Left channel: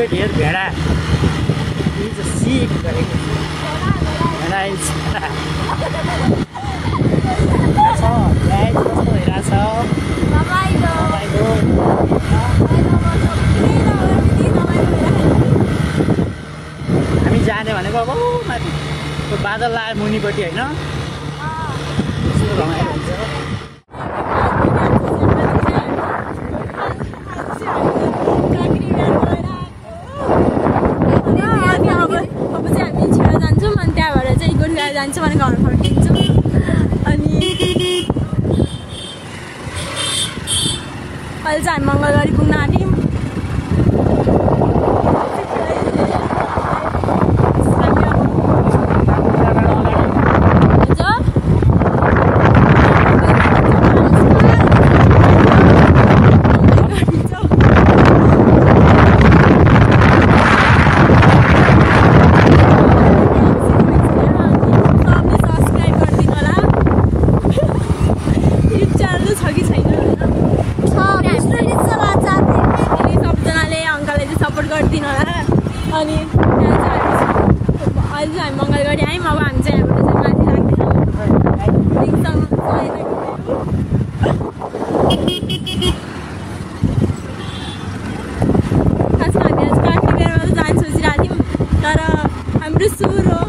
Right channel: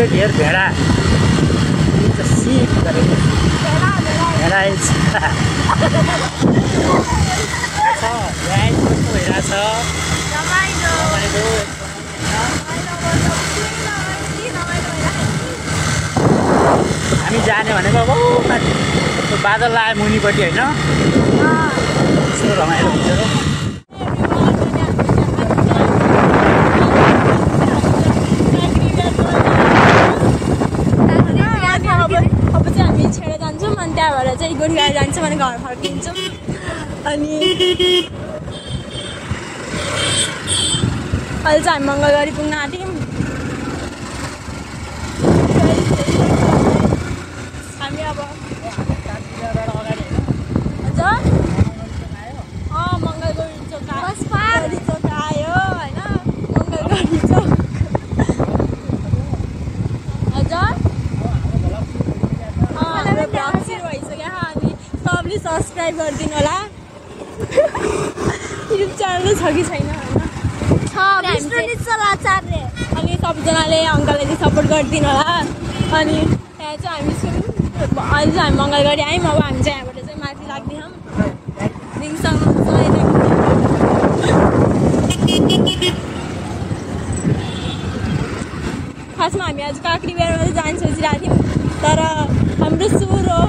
could hear भेडा. It's a sheep. भेडा is. कस्तो भइरहेछ? हामी जाने भनेको अब माथि त्यो बादल आयो मुनिपट्टि होइन यस्तो रमाइलो हुन्छ अब चाहिँ हामी छिटो जान्छौँ अनि त्यहाँबाट चाहिँ गोरुगाई जान्छौँ अनि घर फर्किन्छौँ अनि अहिले चाहिँ हामी मङ्गलगढी पुग्न आँट्यौँ गरिदिनु होला अनि त्यहाँ चाहिँ अहिले चाहिँ हामी मङ्गलगढी आयौँ अब हामी चाहिँ यहाँबाट चाहिँ माथि लाग्दैछौँ रिङसँग खासमा हामी आज काँक्री बेरमा चाहिँ जान सोचिरहेको थियौँ तर हाम्रो सुर हो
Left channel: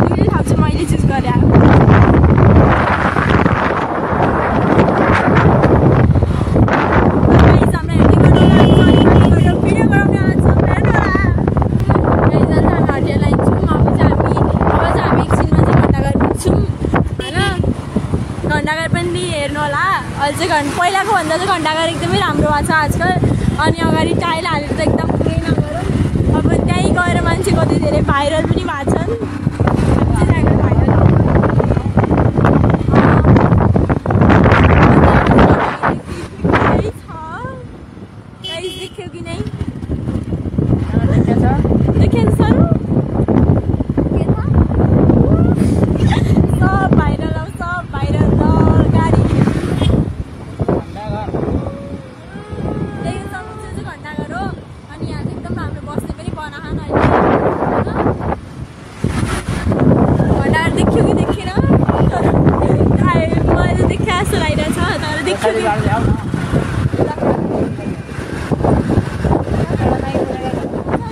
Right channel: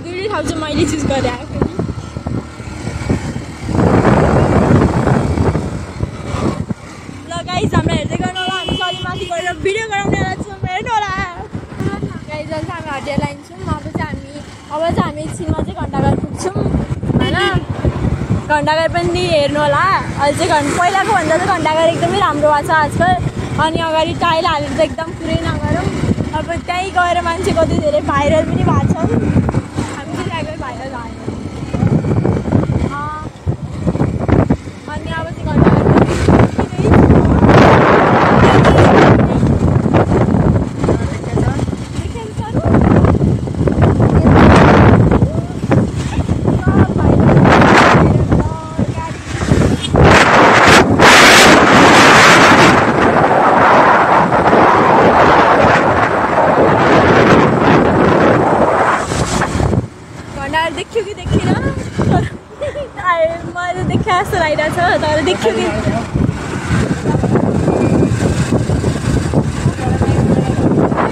दुईवटै ठाउँ चाहिँ मैले चुज गरेँ घण्टाघर पनि हेर्नु होला अहिले चाहिँ पहिलाको भन्दा चाहिँ घण्टाघर एकदमै राम्रो भएको छ आजकल अनि अगाडि टाइल हालेर त एकदम पुरै नगरौँ अब त्यहीँ गएर मान्छे कति धेरै भाइरल पनि भएको छन् हामी चाहिँ त्यहाँ गएर भाइरल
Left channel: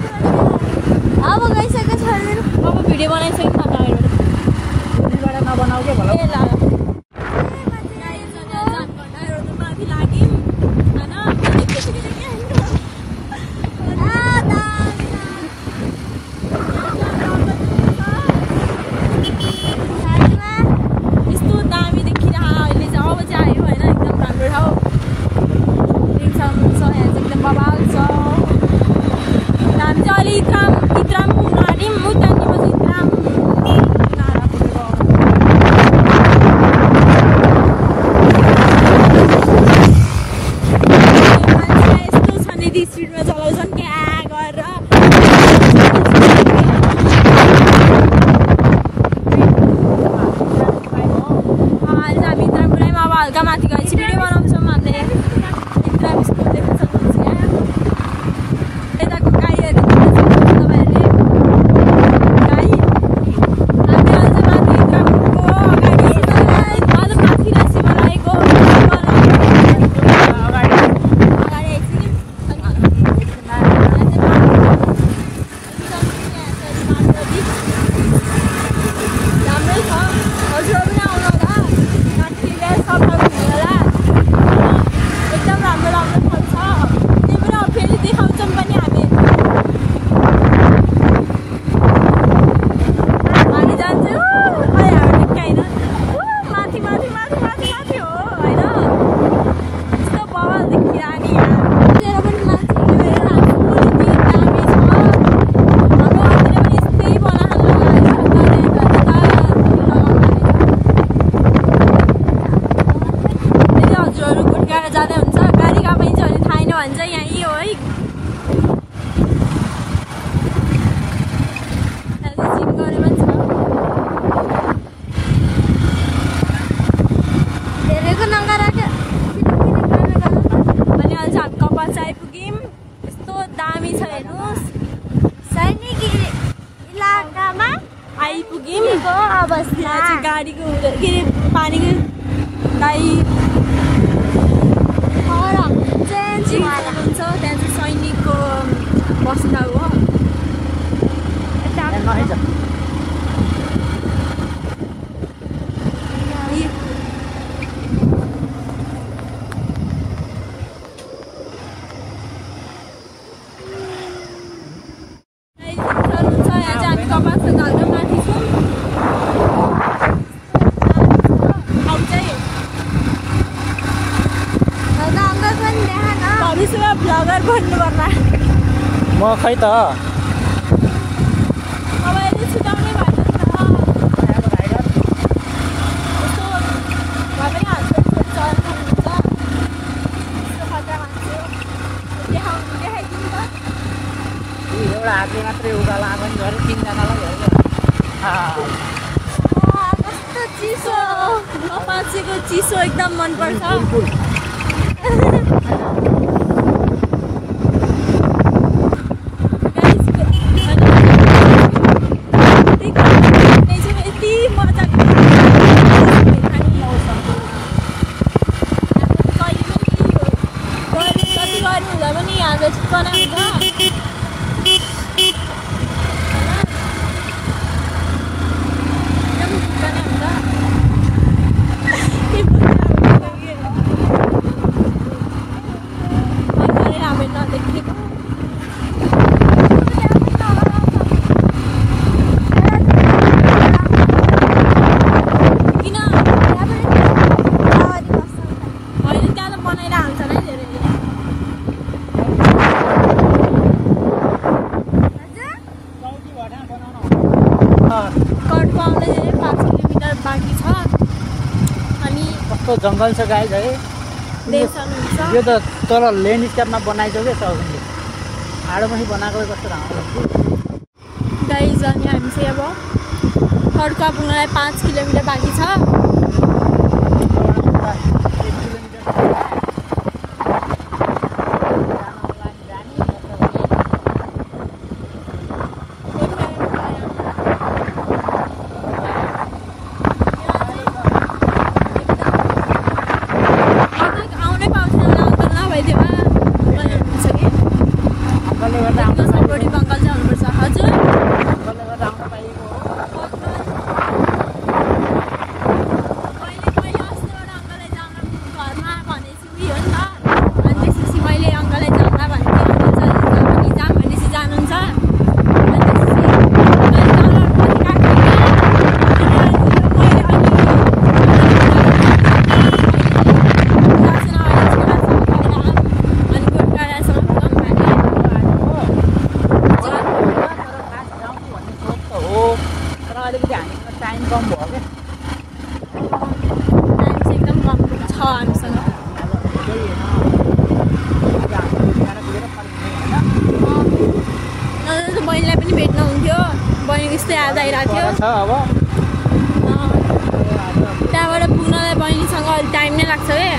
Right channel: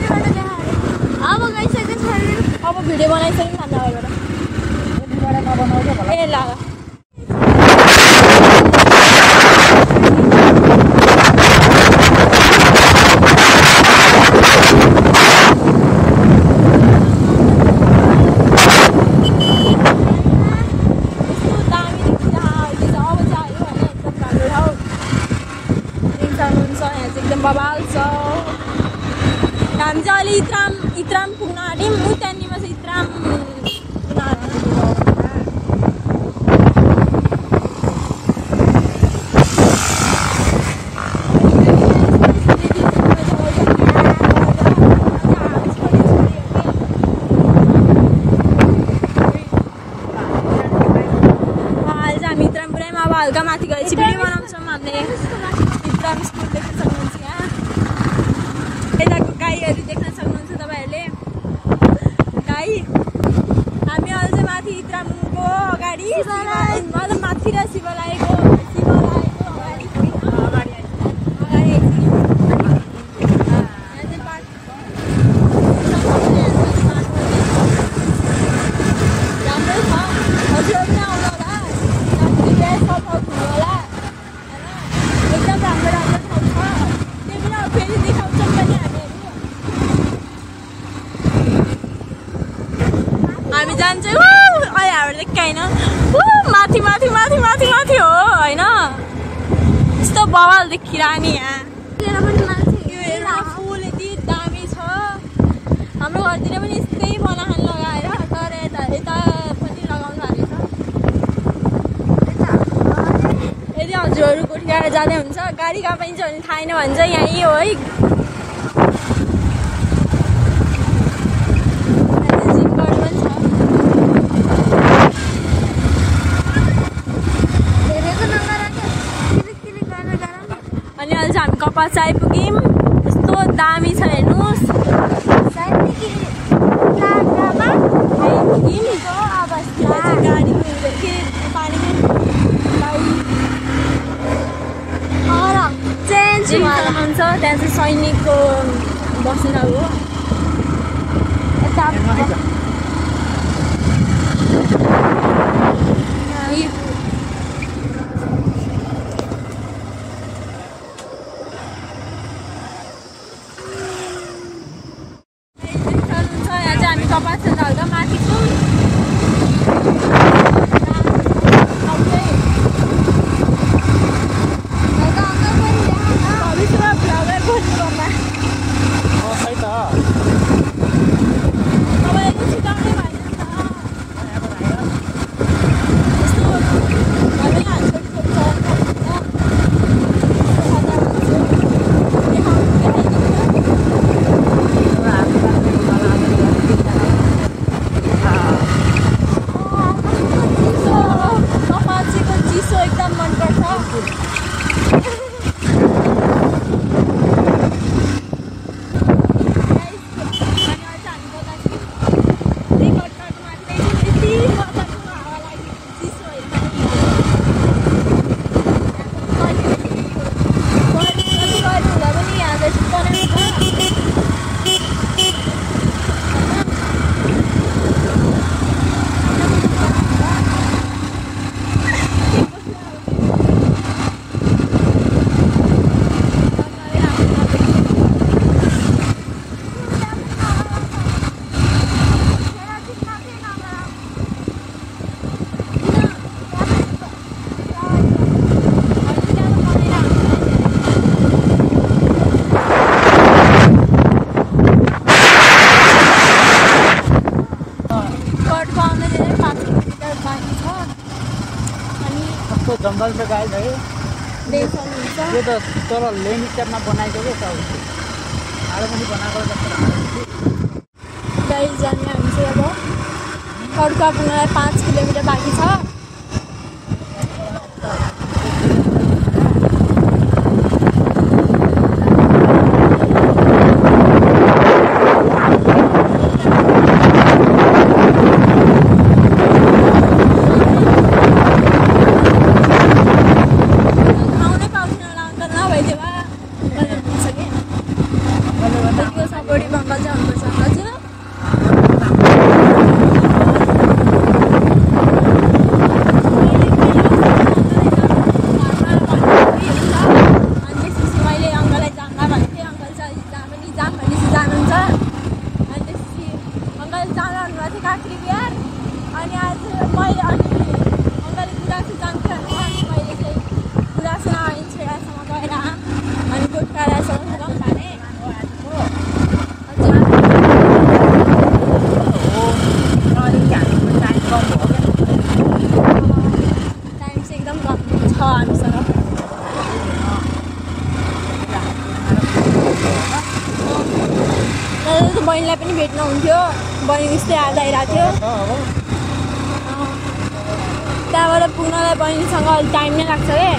अब गइसकेको छ अब भिडियो बनाइसक्यो ए ल एकदम बबाल छ हामी चाहिँ अलि इत्राम पुग्न आँट्यौँ उतानिमा चाहिँ इत्राम हल्का माथि गएपछि भिडियो बनाउँछौँ हामीले इत्राम स्कुल देख्न सक्नुहुन्छ यहाँ यताको गाईहरू देख्न सक्नुहुन्छ तपाईँहरूले गाई हामी अहिले माथि इत्रामको अगाडि अझ माथि र शिवलाईको अगाडि राम्रै छ हजुर पनि आउनु होला सब घुम्नु होला एकदम राम्रो राम्रो ठाउँ छ त्यही भएर फेरि देखाउँछौँ पनि हामी जान्छौँ अहिले हाम्रो देख्छ होइन माथि माथि माथि माथि माथि हो होइन यस्तो बवाल देखिरहने यहाँ पनि माथि फुल यति दामी छ हाम्रो घरतिर पनि यस्तै बनाहाल लगाएर हजुरहरू गोठगाएर जाँदै हुन्छ गाडी कहाँ पाइन्छ भने थाहा छैन भन्छ यहीँ हो है अनि अहिले चाहिँ हामी कपास आइपुग्यौँ हुन्छ त्यहाँ चाहिँ सैनिकको बस्ने ठाउँ हो यता कपास झाल्दा माथि छौँ भविष्यमा भ्लगर बन्नुपर्ला म खै त तपाईँले सिकाउनै भएको चिसो एकदम मनपर्छ यति मजा कति गर्नु हुँदा पनि यहाँ बनाउँछ जङ्गल छ गाइज है यो त तल लेन स्टाइलमा बनाइसक्यो ठाडो पनि बनाएको जस्तो राम्रो गाइज अनि हामी चाहिँ अब खड्का पुग्नलाई 5 किलोमिटर बाँकी छ बङ्गाल चाहिँ हुनुपर्छ हजुर मैले अङ्कललाई जाँदा भनेको जाम भनेपछि जानुहुन्छ कम भयो क्या टाइम चाहिँ एकदम कम छ हामीसँग त बहिनीलाई पनि भेट्नु हुन्थ्यो बहिनी उस्तै याद आइरहेको थियो त्यहाँबाट पुग्नलाई बहिनीसँग अलिक टाइम नै लाग्छ क्या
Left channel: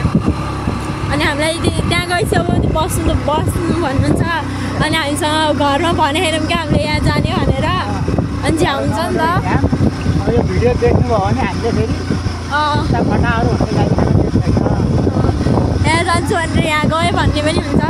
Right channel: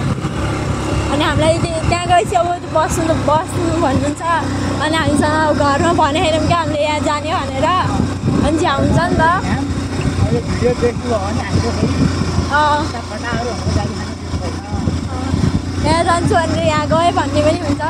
अनि हामीलाई त्यहाँ गएपछि अब बस्नु भन्नुहुन्छ अनि हामीसँग घरमा भनेर क्या हामीले यहाँ जाने भनेर अनि झ्याउ हुन्छ नि त यो भिडियो देख्नुभयो भने हामीले फेरि फटाहरू यहाँ जान्छु भनेर यहाँ गयो भन्ने पनि हुन्छ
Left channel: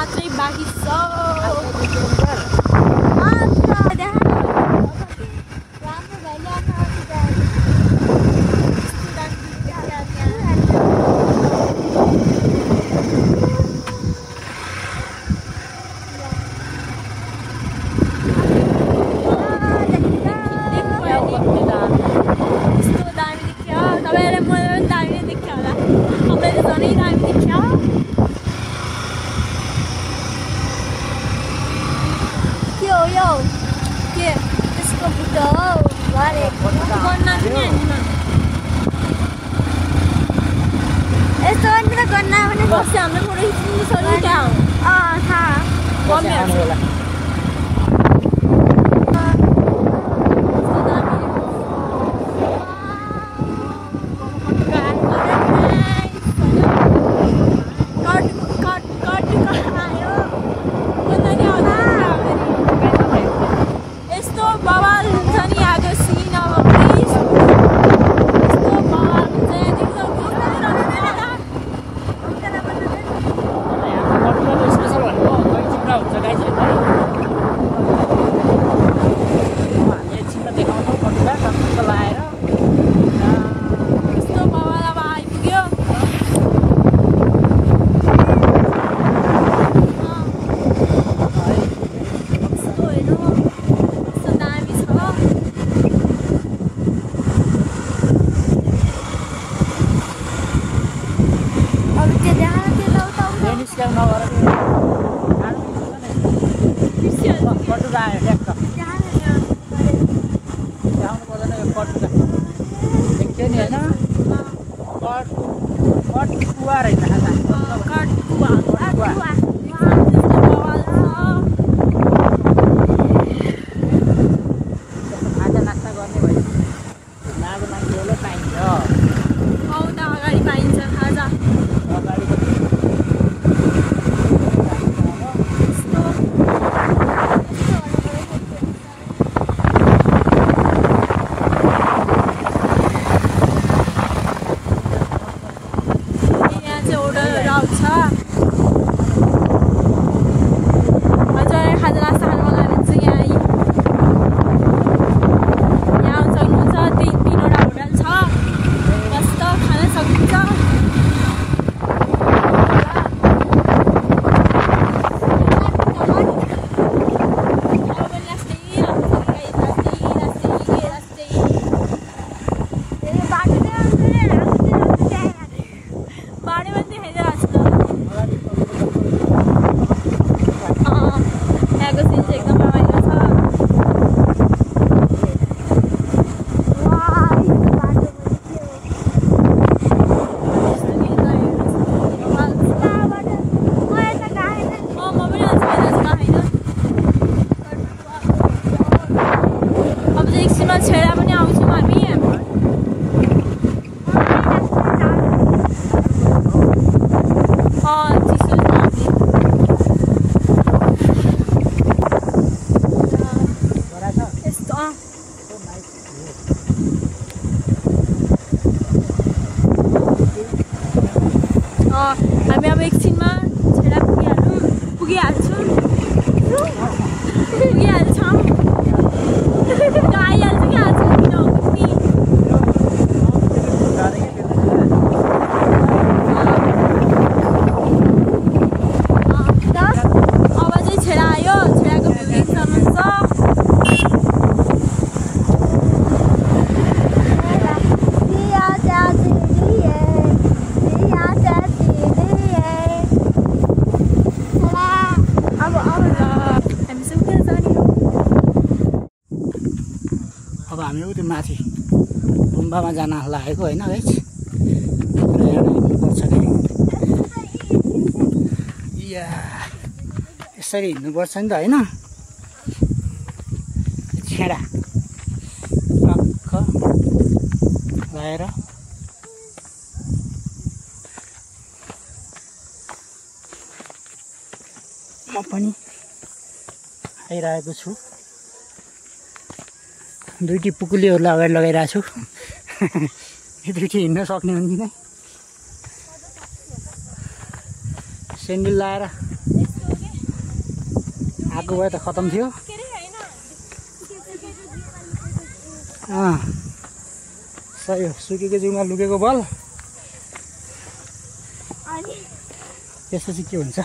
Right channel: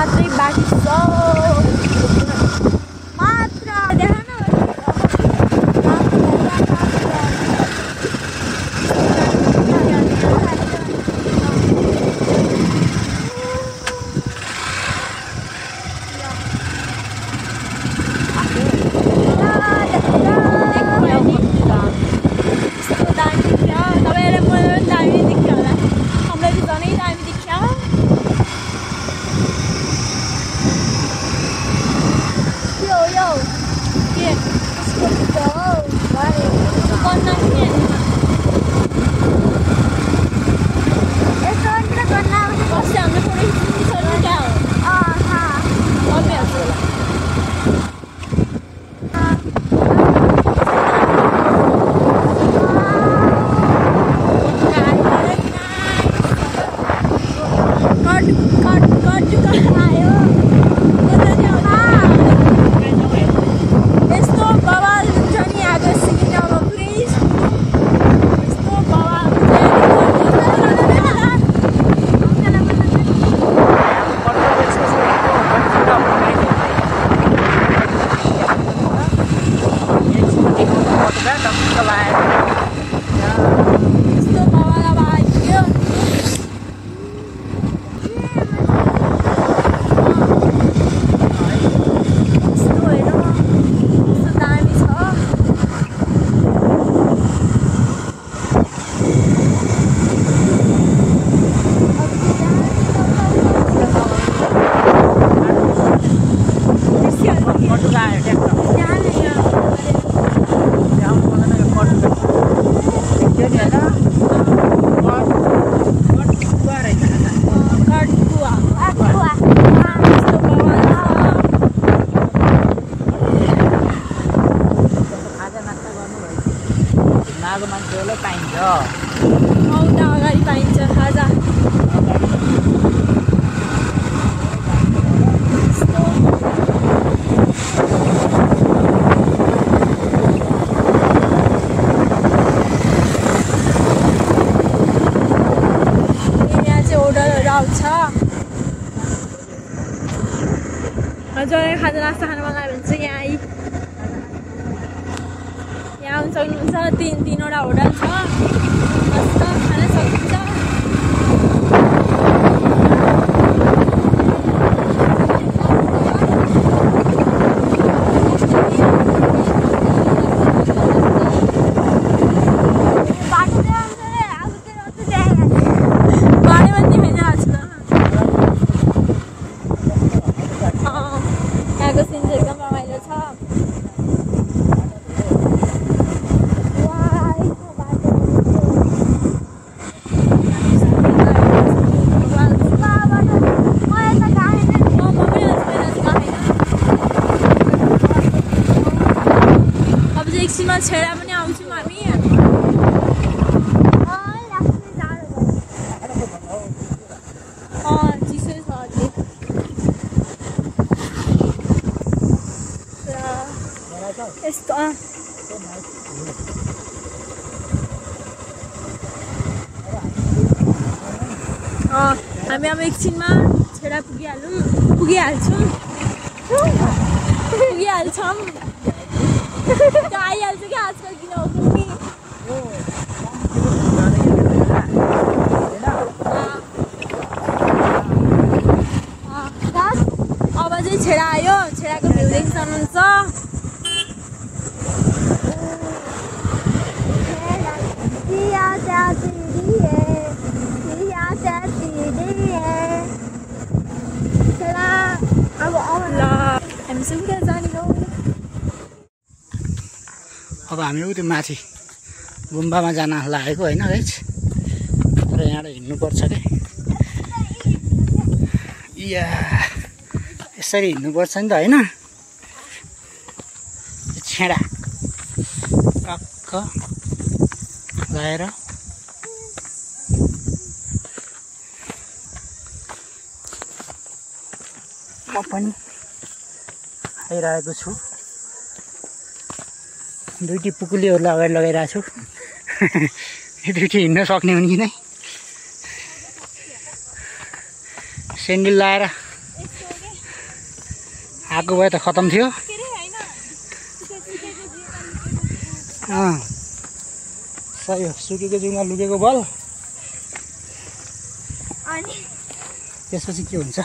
मात्रै बाँकी छ मात्र अगाडि पाइन्छ खाजा यहाँ चाहिँ होटलहरू आउँछ हजुर खाजा नास्ता खानु मन लाग्यो भने चाहिँ यहाँ आउनु सक्नुहुन्छ तीनवटा होटल छ मस्त खान सकिन्छ यहाँको सिन चाहिँ एकदम रमाइलो छ एकछिनमा छेडा पनि आउँछौँ हामी यस्तो हामी अब एकछिनमा छेडा पुगिहाल्छौँ आइहाल्छ कि अब चाहिँ छेडा आयो छेडाको भ्यू देख्न सक्नुहुन्छ अब हामी उति माथि गुम्बामा जान लागेको होइन गाइस र यहाँ हिँड्नुपर्छ क्या या यसरी हिँड्नुपर्छ नि त होइन छेडा टक्क लगाएर म पनि आइरहेको छु दुईटी पुकुलीहरूलाई अगाडि लगाइरहेको छु यो दुईटी हिँड्न सक्ने हुन् कि नै सेन्डल लाएर आएको भए त खतम थियो। सही हो, सुकेको जिउमा लुकेको बल। त्यसपछि के हुन्छ?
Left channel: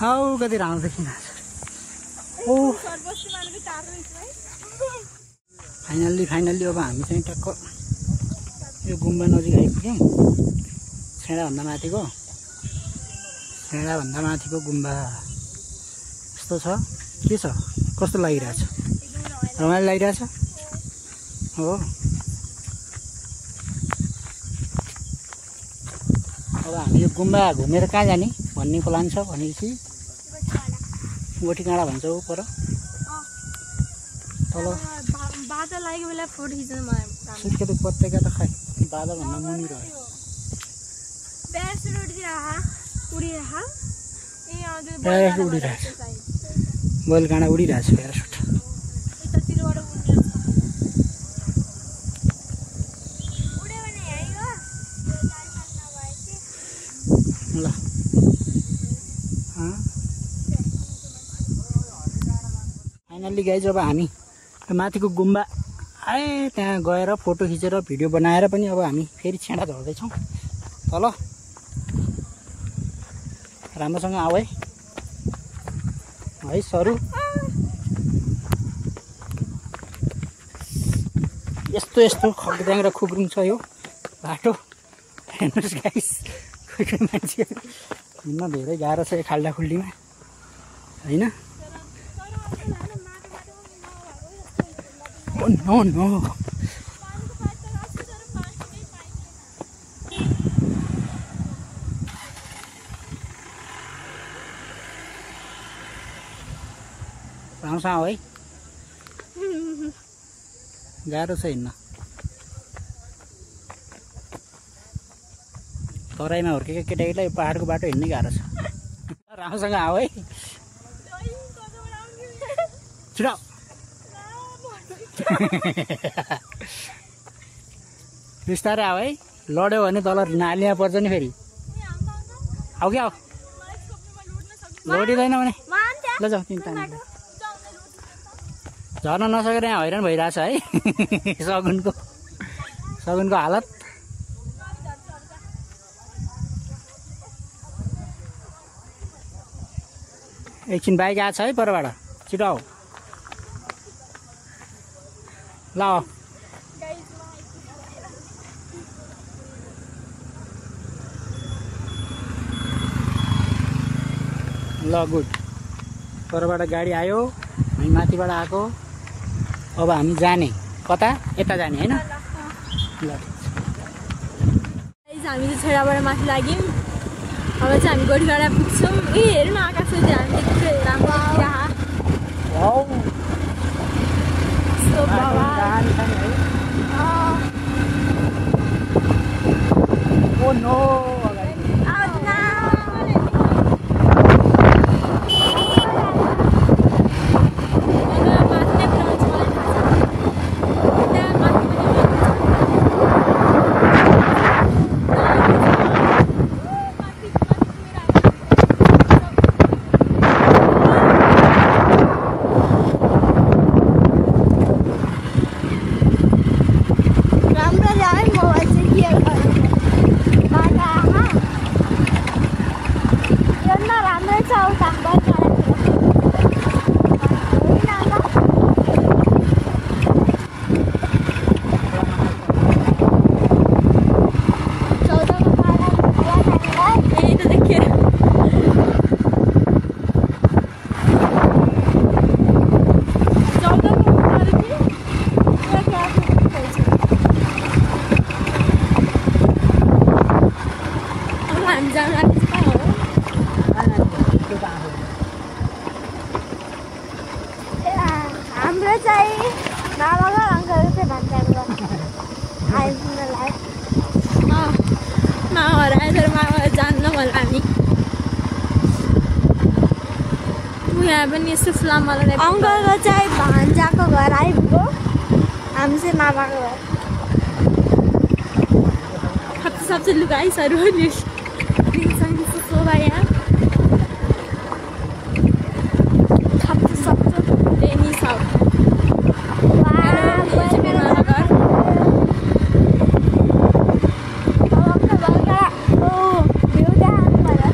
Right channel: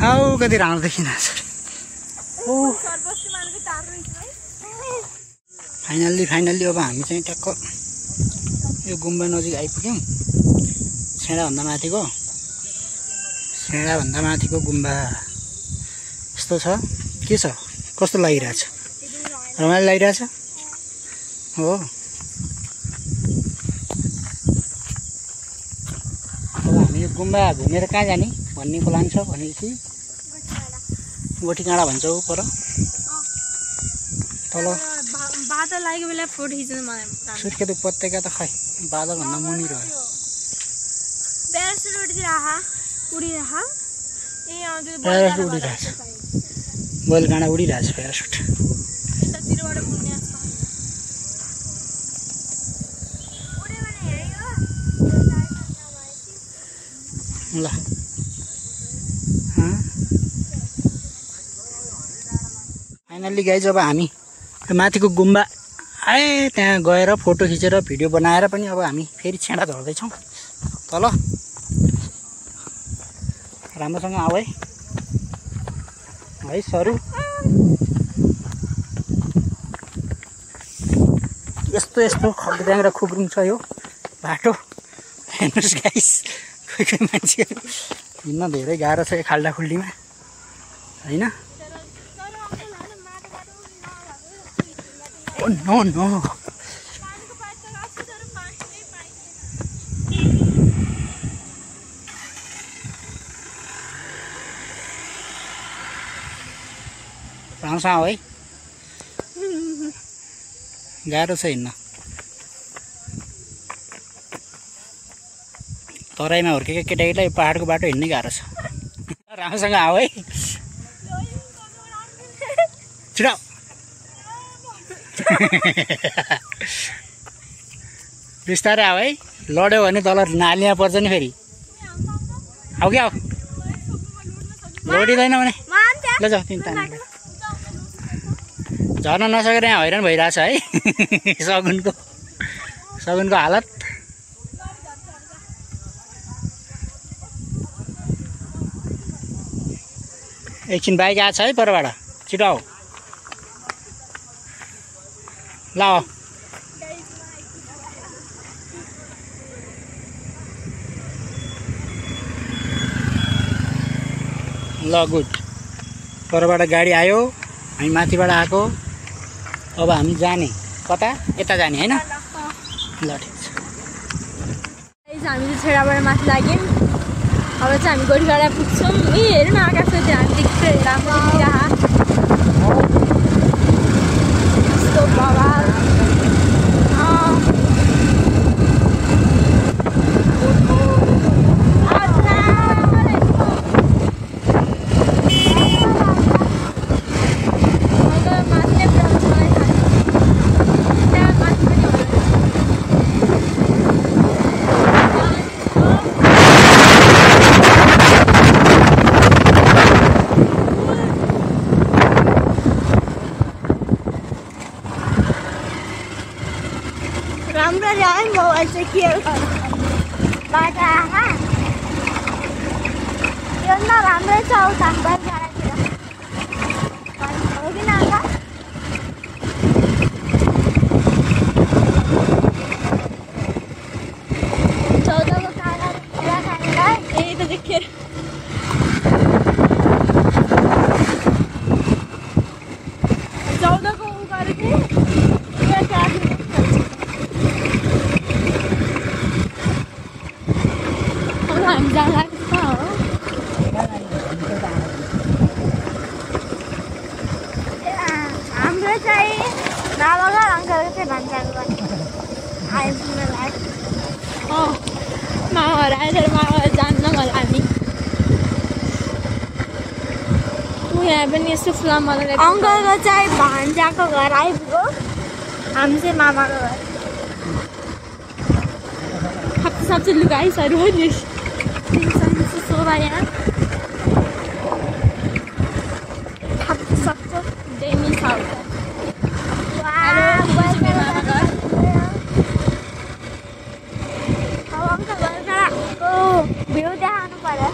आऊ कति राम्रो देखिन्छ। फाइनल्ली अब हामी चाहिँ टक्क यो गुम्बा नजिक आइपुग्यौँ। छेडाभन्दा माथिको गुम्बा यस्तो छ। के छ, कस्तो लागिरहेछ? रमाइलो लागिरहेछ हो। अब हामी यो गुम्बा घुमेर कहाँ जाने भन्ने प्लान छ भनेपछि गोठी काँडा भन्छ पर तल बादल लागेको बेला फोटो खिच्न मलाई सुर्खेत उपत्यका त खै बादलभन्दा मुनि रह्यो। प्यारासुट उडिरहेछ, बैल काँडा उडिरहेछ प्यारासुट। ल फाइनल्ली गाइज अब हामी माथिको गुम्बा आए त्यहाँ गएर फोटो खिचेर भिडियो बनाएर पनि अब हामी फेरि छेडा झर्दैछौँ तल। राम्रोसँग आऊ है सरू। यस्तो खग्दाङ र खुग्रुङ छ यो बाटो। हेर्नुहोस् गाइस, कोही मान्छे हिँड्न धेरै गाह्रो छ यो खाल्डाखुल्डीमा होइन। नो राम्रोसँग है, गाह्रो छ हिँड्न। तराईमा हुर्केका केटाकेटीलाई पहाडको बाटो हिँड्नै गाह्रो छ। राम्रोसँग आऊ है, छिटो। बिस्तारै आऊ है, लड्यो भने तल नालीमा पर्छ नि फेरि। आऊ क्या आऊ, लडिँदैन भने ल जाऊ तिमी तानी। झर्न नसकेर यहाँ हैरान भइरहेछ है सगुनको हालत। एकछिन बाइक आएको छ है परबाट, छिटो आऊ ल। ल गुड, परबाट गाडी आयो, हामी माथिबाट आएको। अब हामी जाने कता? यता जाने होइन। ल ठिक छ। हामी चाहिँ छेडाबाट माथि लाग्यौँ। अब चाहिँ हामी गोठीगाडा पुग्छौँ। हेर्नु न आकाशमा ध्यान देख्दै राम्रो यस्तो बवाल। मोबाइल चाहिँ के बाटो आमा यो नराम्रै छ उता बारीकाँडातिर हो कि न आमा? चौधको काँडा खानेलाई यही त देखियो। चौधको उखाएर कि हाम्रो चाहिँ बाबाको अङ्कलको चाहिँ भान्साको आइपुग्नलाई मामाहरू आएछ, मामाहरू जान्न होला हामी। यहाँ पनि यस्तो फ्लाममा लगाएर अङ्कलको चाहिँ भान्जाको घर आइपुग्यो। हामी चाहिँ मामाको घर सबसे लुगाइसहरू शोभा यहाँ सक्छ टेनिस भ्यू देखाउनु पर्यो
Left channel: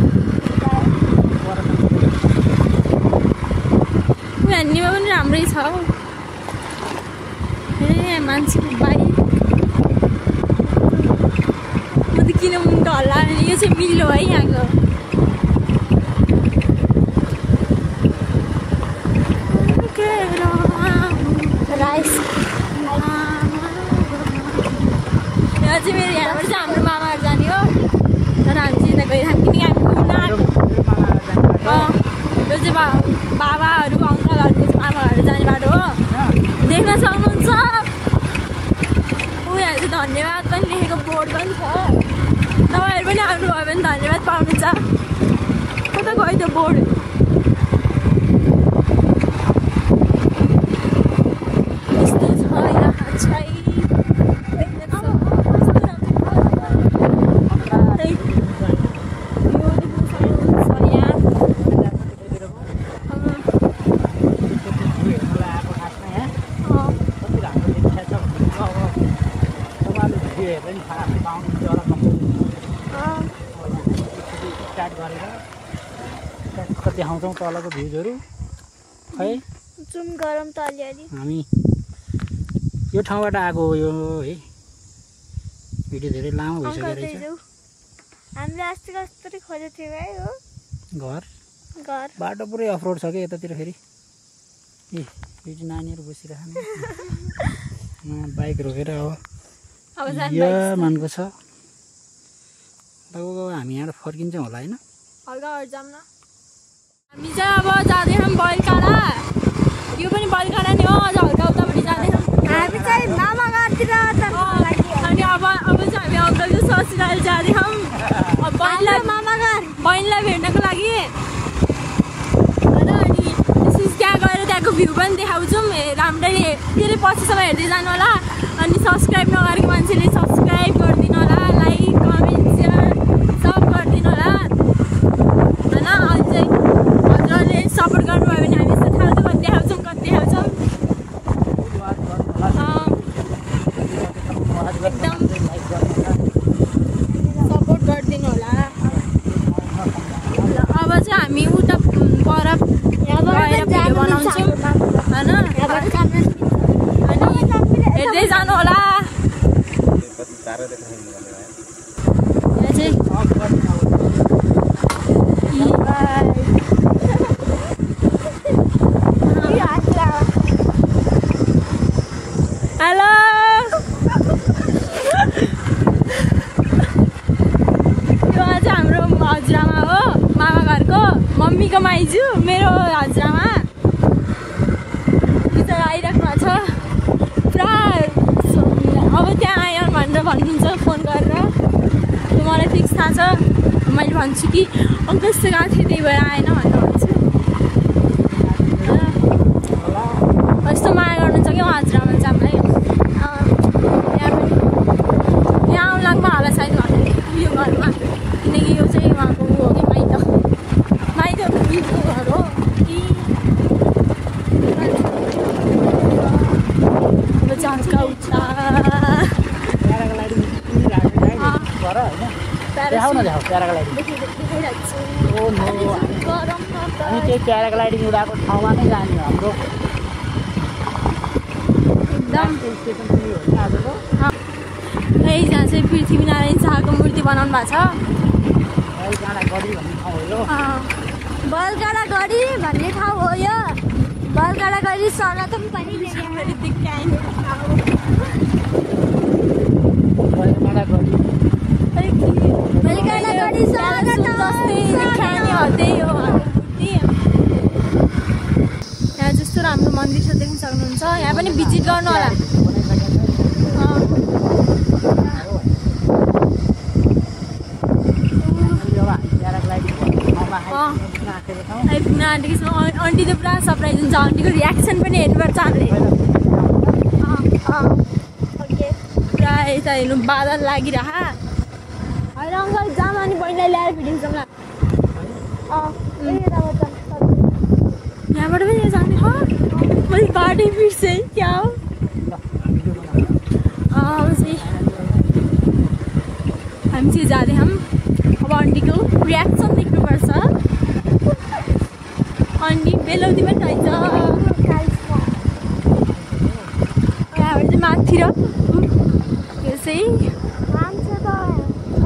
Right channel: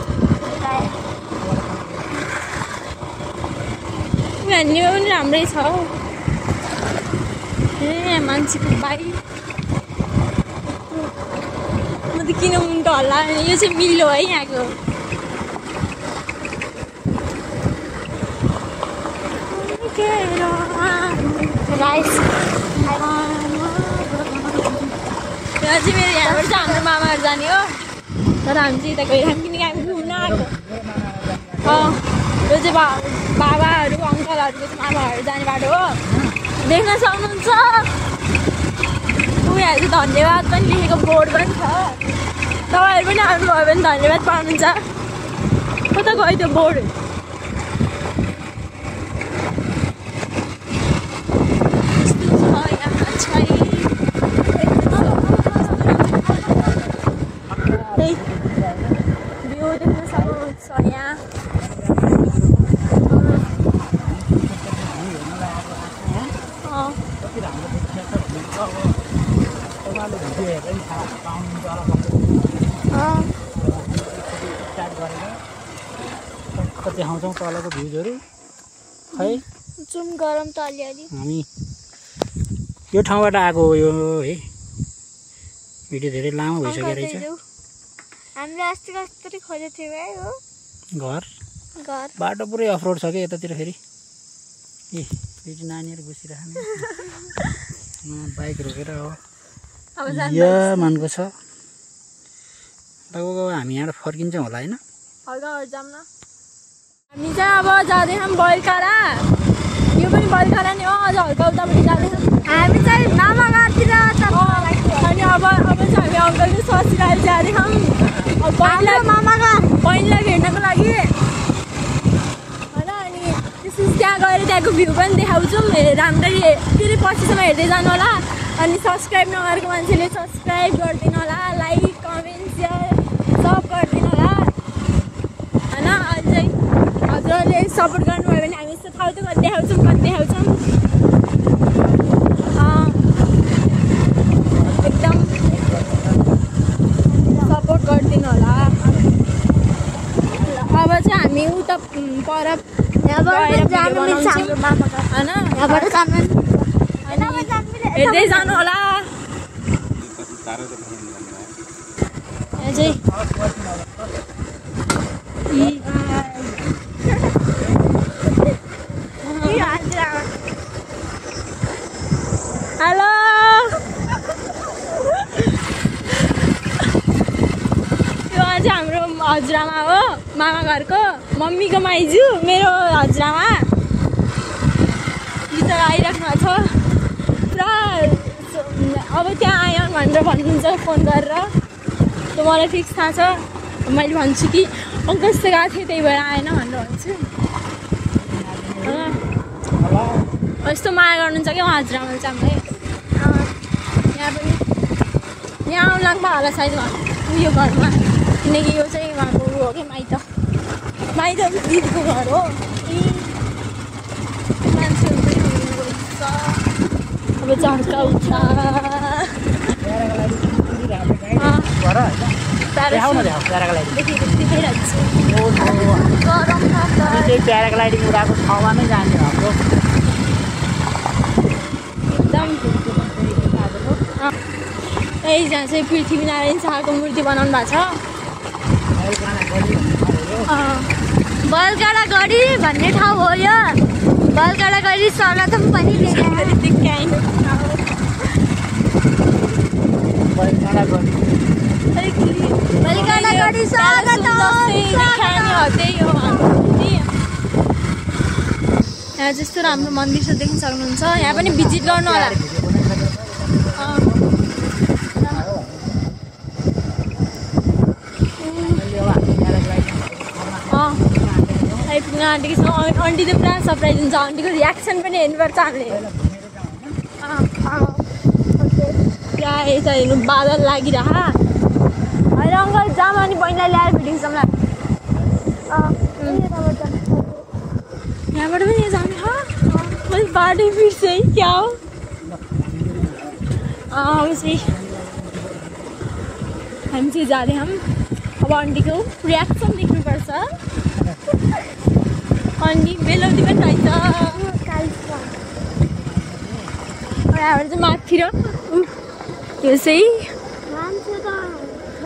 हेर्नेमा पनि राम्रै छ हौ मान्छेको बाइक म त किन मुन्टो हल्ला यो चाहिँ मिलो है यहाँको राइस चाहिँ मेरो यहाँबाट चाहिँ हाम्रो मामाहरू जाने हो तर हामी चाहिँ यता गइरहेको किनकि हामी घुम्न आएको यो चाहिँ बाबाहरू अङ्कलहरूको आमाहरू जाने बाटो हो देख्न सक्नुहुन्छ उनीहरू चाहिँ धन्यवाद पनि लेखेको बोर्ड पनि छ तपाईँहरू पनि आउनुभयो भने धन्यवाद पाउनुहुन्छ कता गयो त्यो बोर्ड यस्तो छ यहाँ चाहिँ यो देख्न सक्नुहुन्छ यहाँ स्टार्ट गरेर देखाउँछौँ तलको भ्युजहरू खै जुम गरम त अलिअलि हामी यो ठाउँबाट आएको हो यो है भिडियो धेरै लामो भइसक्यो रहेछ हामीले अस्ति कस्तरी खोजेको थियौँ है हो घर घर बाटो पुरै अफरोड छ क्या यतातिर फेरि ए फेरि नानीहरू बसिरहेको बाइक रोकेर अब यहाँ मानको छ लगभग हामी यहाँबाट फर्किन्छौँ होला होइन हल्काहरू जाऊँ न हामी चाहिँ अब जाँदैछौँ बलकाडा यो पनि बलकाडा नि हो अझ हल्का उतापट्टि जाँदैछौँ हामी चाहिँ मामा घरतिर अनि अब चाहिँ हामी अङ्कलको ससुराली जाँदैछौँ मामा घर बहिनीलाई भेट्नको लागि होइन अनि त्यहाँ गएर त्यहाँको भ्यू पनि देखाउँछौँ राम्ररी त्यसले पछिसम्म हेर्दै जानु होला अनि सब्सक्राइब नगरेको मान्छेले सब्सक्राइब गरिदिनु होला लाइक कमेन्ट सेयर सब गरिदिनु होला होइन अझै हजुरहरूले सपोर्ट गर्नुभयो भने हामी यस्तो ठाउँ कति देखाउँछौँ एकदम सपोर्ट गरिदिनु होला अब चाहिँ हामी उता पर हेर्दै जानु होला हेलो यो चाहिँ हाम्रो हजुरआमा हो मामा घरको मम्मीको माइजू मेरो हजुरआमा बिचरा आइराख्नु भएको छ पुरा अब त्यहाँ आयो भनेर भन्नुहुन्छ फोन गरेर त्यो मलाई फिक्स थाहा छ मैले भन्छु कि अङ्कल यस्तो गएको थिएँ त्यही भएर आएन भनेर भन्छु यस्तो माया गर्नुहुन्छ क्या हजुरआमाले चाहिँ हामीलाई यहाँ आउनु लाग्नु होला सायद उयो घरमा किनकि यो चाहिँ उहाँको ऊ हो क्या माइत दिदीको घर हो अब झर्काउँछ देखाइरहेको छु प्याराग्लाइडिङ उडाएको ठाउँमा नै जाने हाम्रो एकदम यहाँ चाहिँ पृथ्वीनारायण शाहको मूर्ति बनाउनु भएको छ बलगाडा गढी भन्ने ठाउँ हो यो बलगाडा गढी स्वागतम पनि यहाँ जस्तो राम्रो मन्दिर छ देख्न सक्नुहुन्छ यहाँ पनि भिजिट गर्नु होला आइपुग्न आँटेको छ आन्टी त पुरा सरप्राइज हुन्छ आन्टीको रियाक्सन पनि हेर्नुपर्छ हामीले ओके पुरा यता हेर्नु बादल लागिरह होइन अङ्कल जाम अनि बहिनीलाई ल्याएर भिडियो खिचौँला यहाँबाट पनि जाने मैले बाटो बिर्सेँ है क्या हो अब चाहिँ हामी चाहिँ जाँदै हम अब आन्टीको रियाक्सन देख्नुपर्छ आन्टी बेलौतीमा रहेछ हाम्रो चाहिँ माथि र यो चाहिँ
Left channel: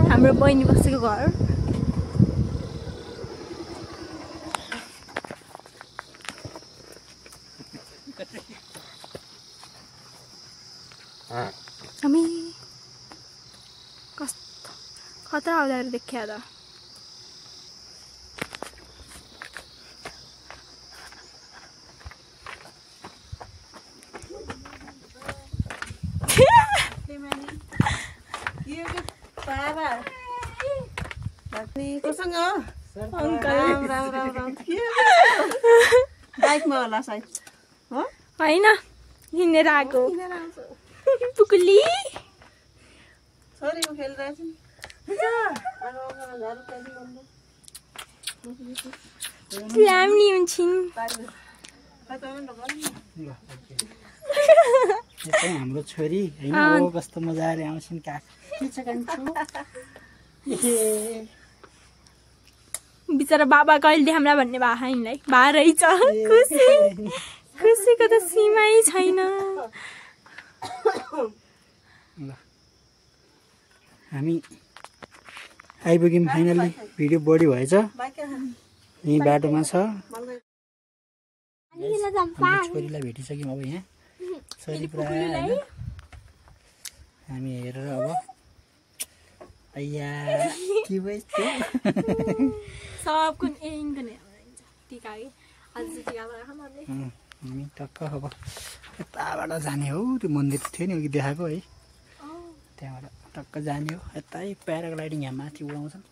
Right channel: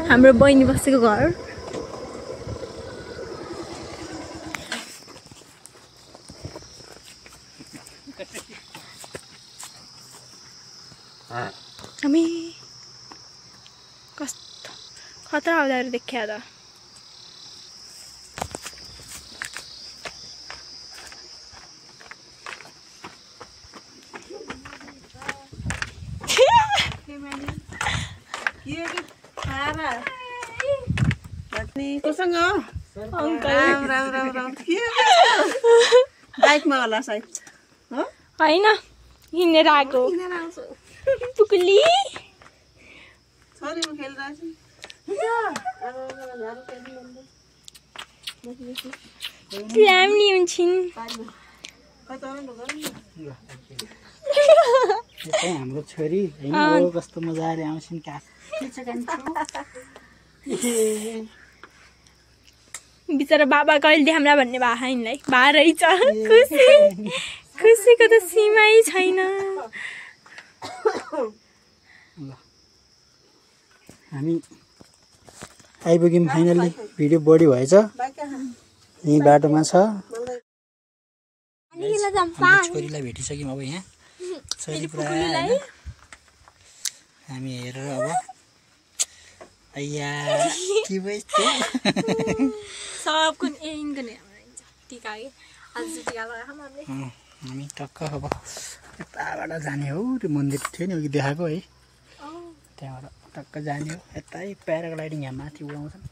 हाम्रो बहिनी बसेको घर हामी कस्तो खतरा आउँदाखेरि देखिया त बाइकमा होला सायद होइन हिँडेर आएको टुकुली छोरी म खेलिरहेछु ल्याम्नी हुन्छन् हाम्रो छोरी होइन ओ कस्तो मजाले आउँछन् बिचरा बाबा कहिले देखाउँला भन्ने भा यिनलाई भा रहेछ खुसी खुसीको त सीमै छैन हामी आइपुग्यौँ फाइनल्ली भिडियो बढी भएछ यहीँ बाटोमा छ छोरीलाई भेटिसक्यौँ अब यहाँ छोरी पुरा हामी हेरेर अब अय्या के भइस सबको इनको नै टिका कि आज टिका लगाएको हामीले हामी टक्क अब यताबाट जाने हो त्यो मन्दिर थियो नि अघि देखाएको है त्यहाँबाट टक्क जाने हो यतै प्याराग्लाइडिङ यहाँ माथि उडाउँछन्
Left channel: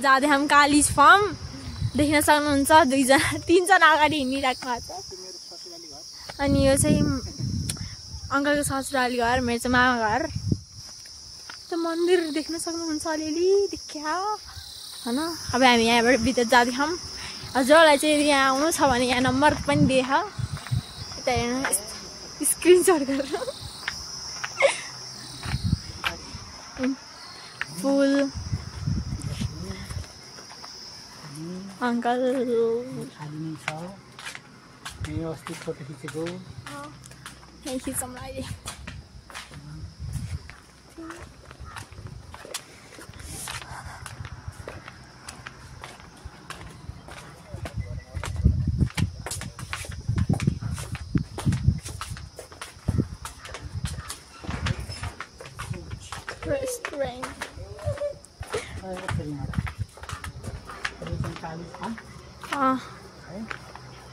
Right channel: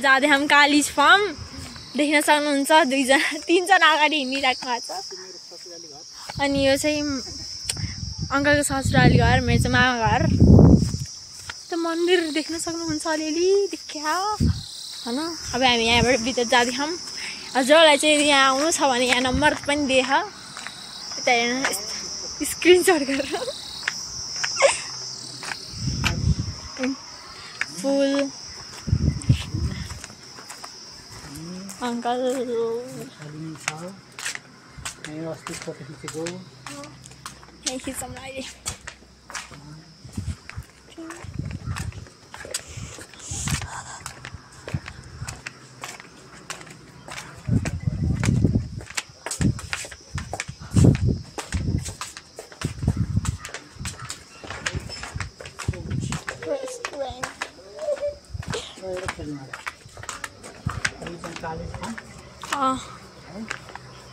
जाँदै हामी कालिज फार्म देख्न सक्नुहुन्छ तीनजना अगाडि हिँडिरहेको भएको छ अनि यो चाहिँ अङ्कलको ससुराली घर मेरो चाहिँ मामा घर त्यो मन्दिर देख्न सक्नुहुन्छ अलिअलि देखिया होइन अब हामी यहाँबाट भित्र जाँदैछौँ हजुरलाई चाहिँ यहाँ आउनु छ भने यहाँ नम्बर पनि देख यता हेर्नु स्क्रिनसट गरेर फुल अङ्कल यहीँ खिचौँ अहिले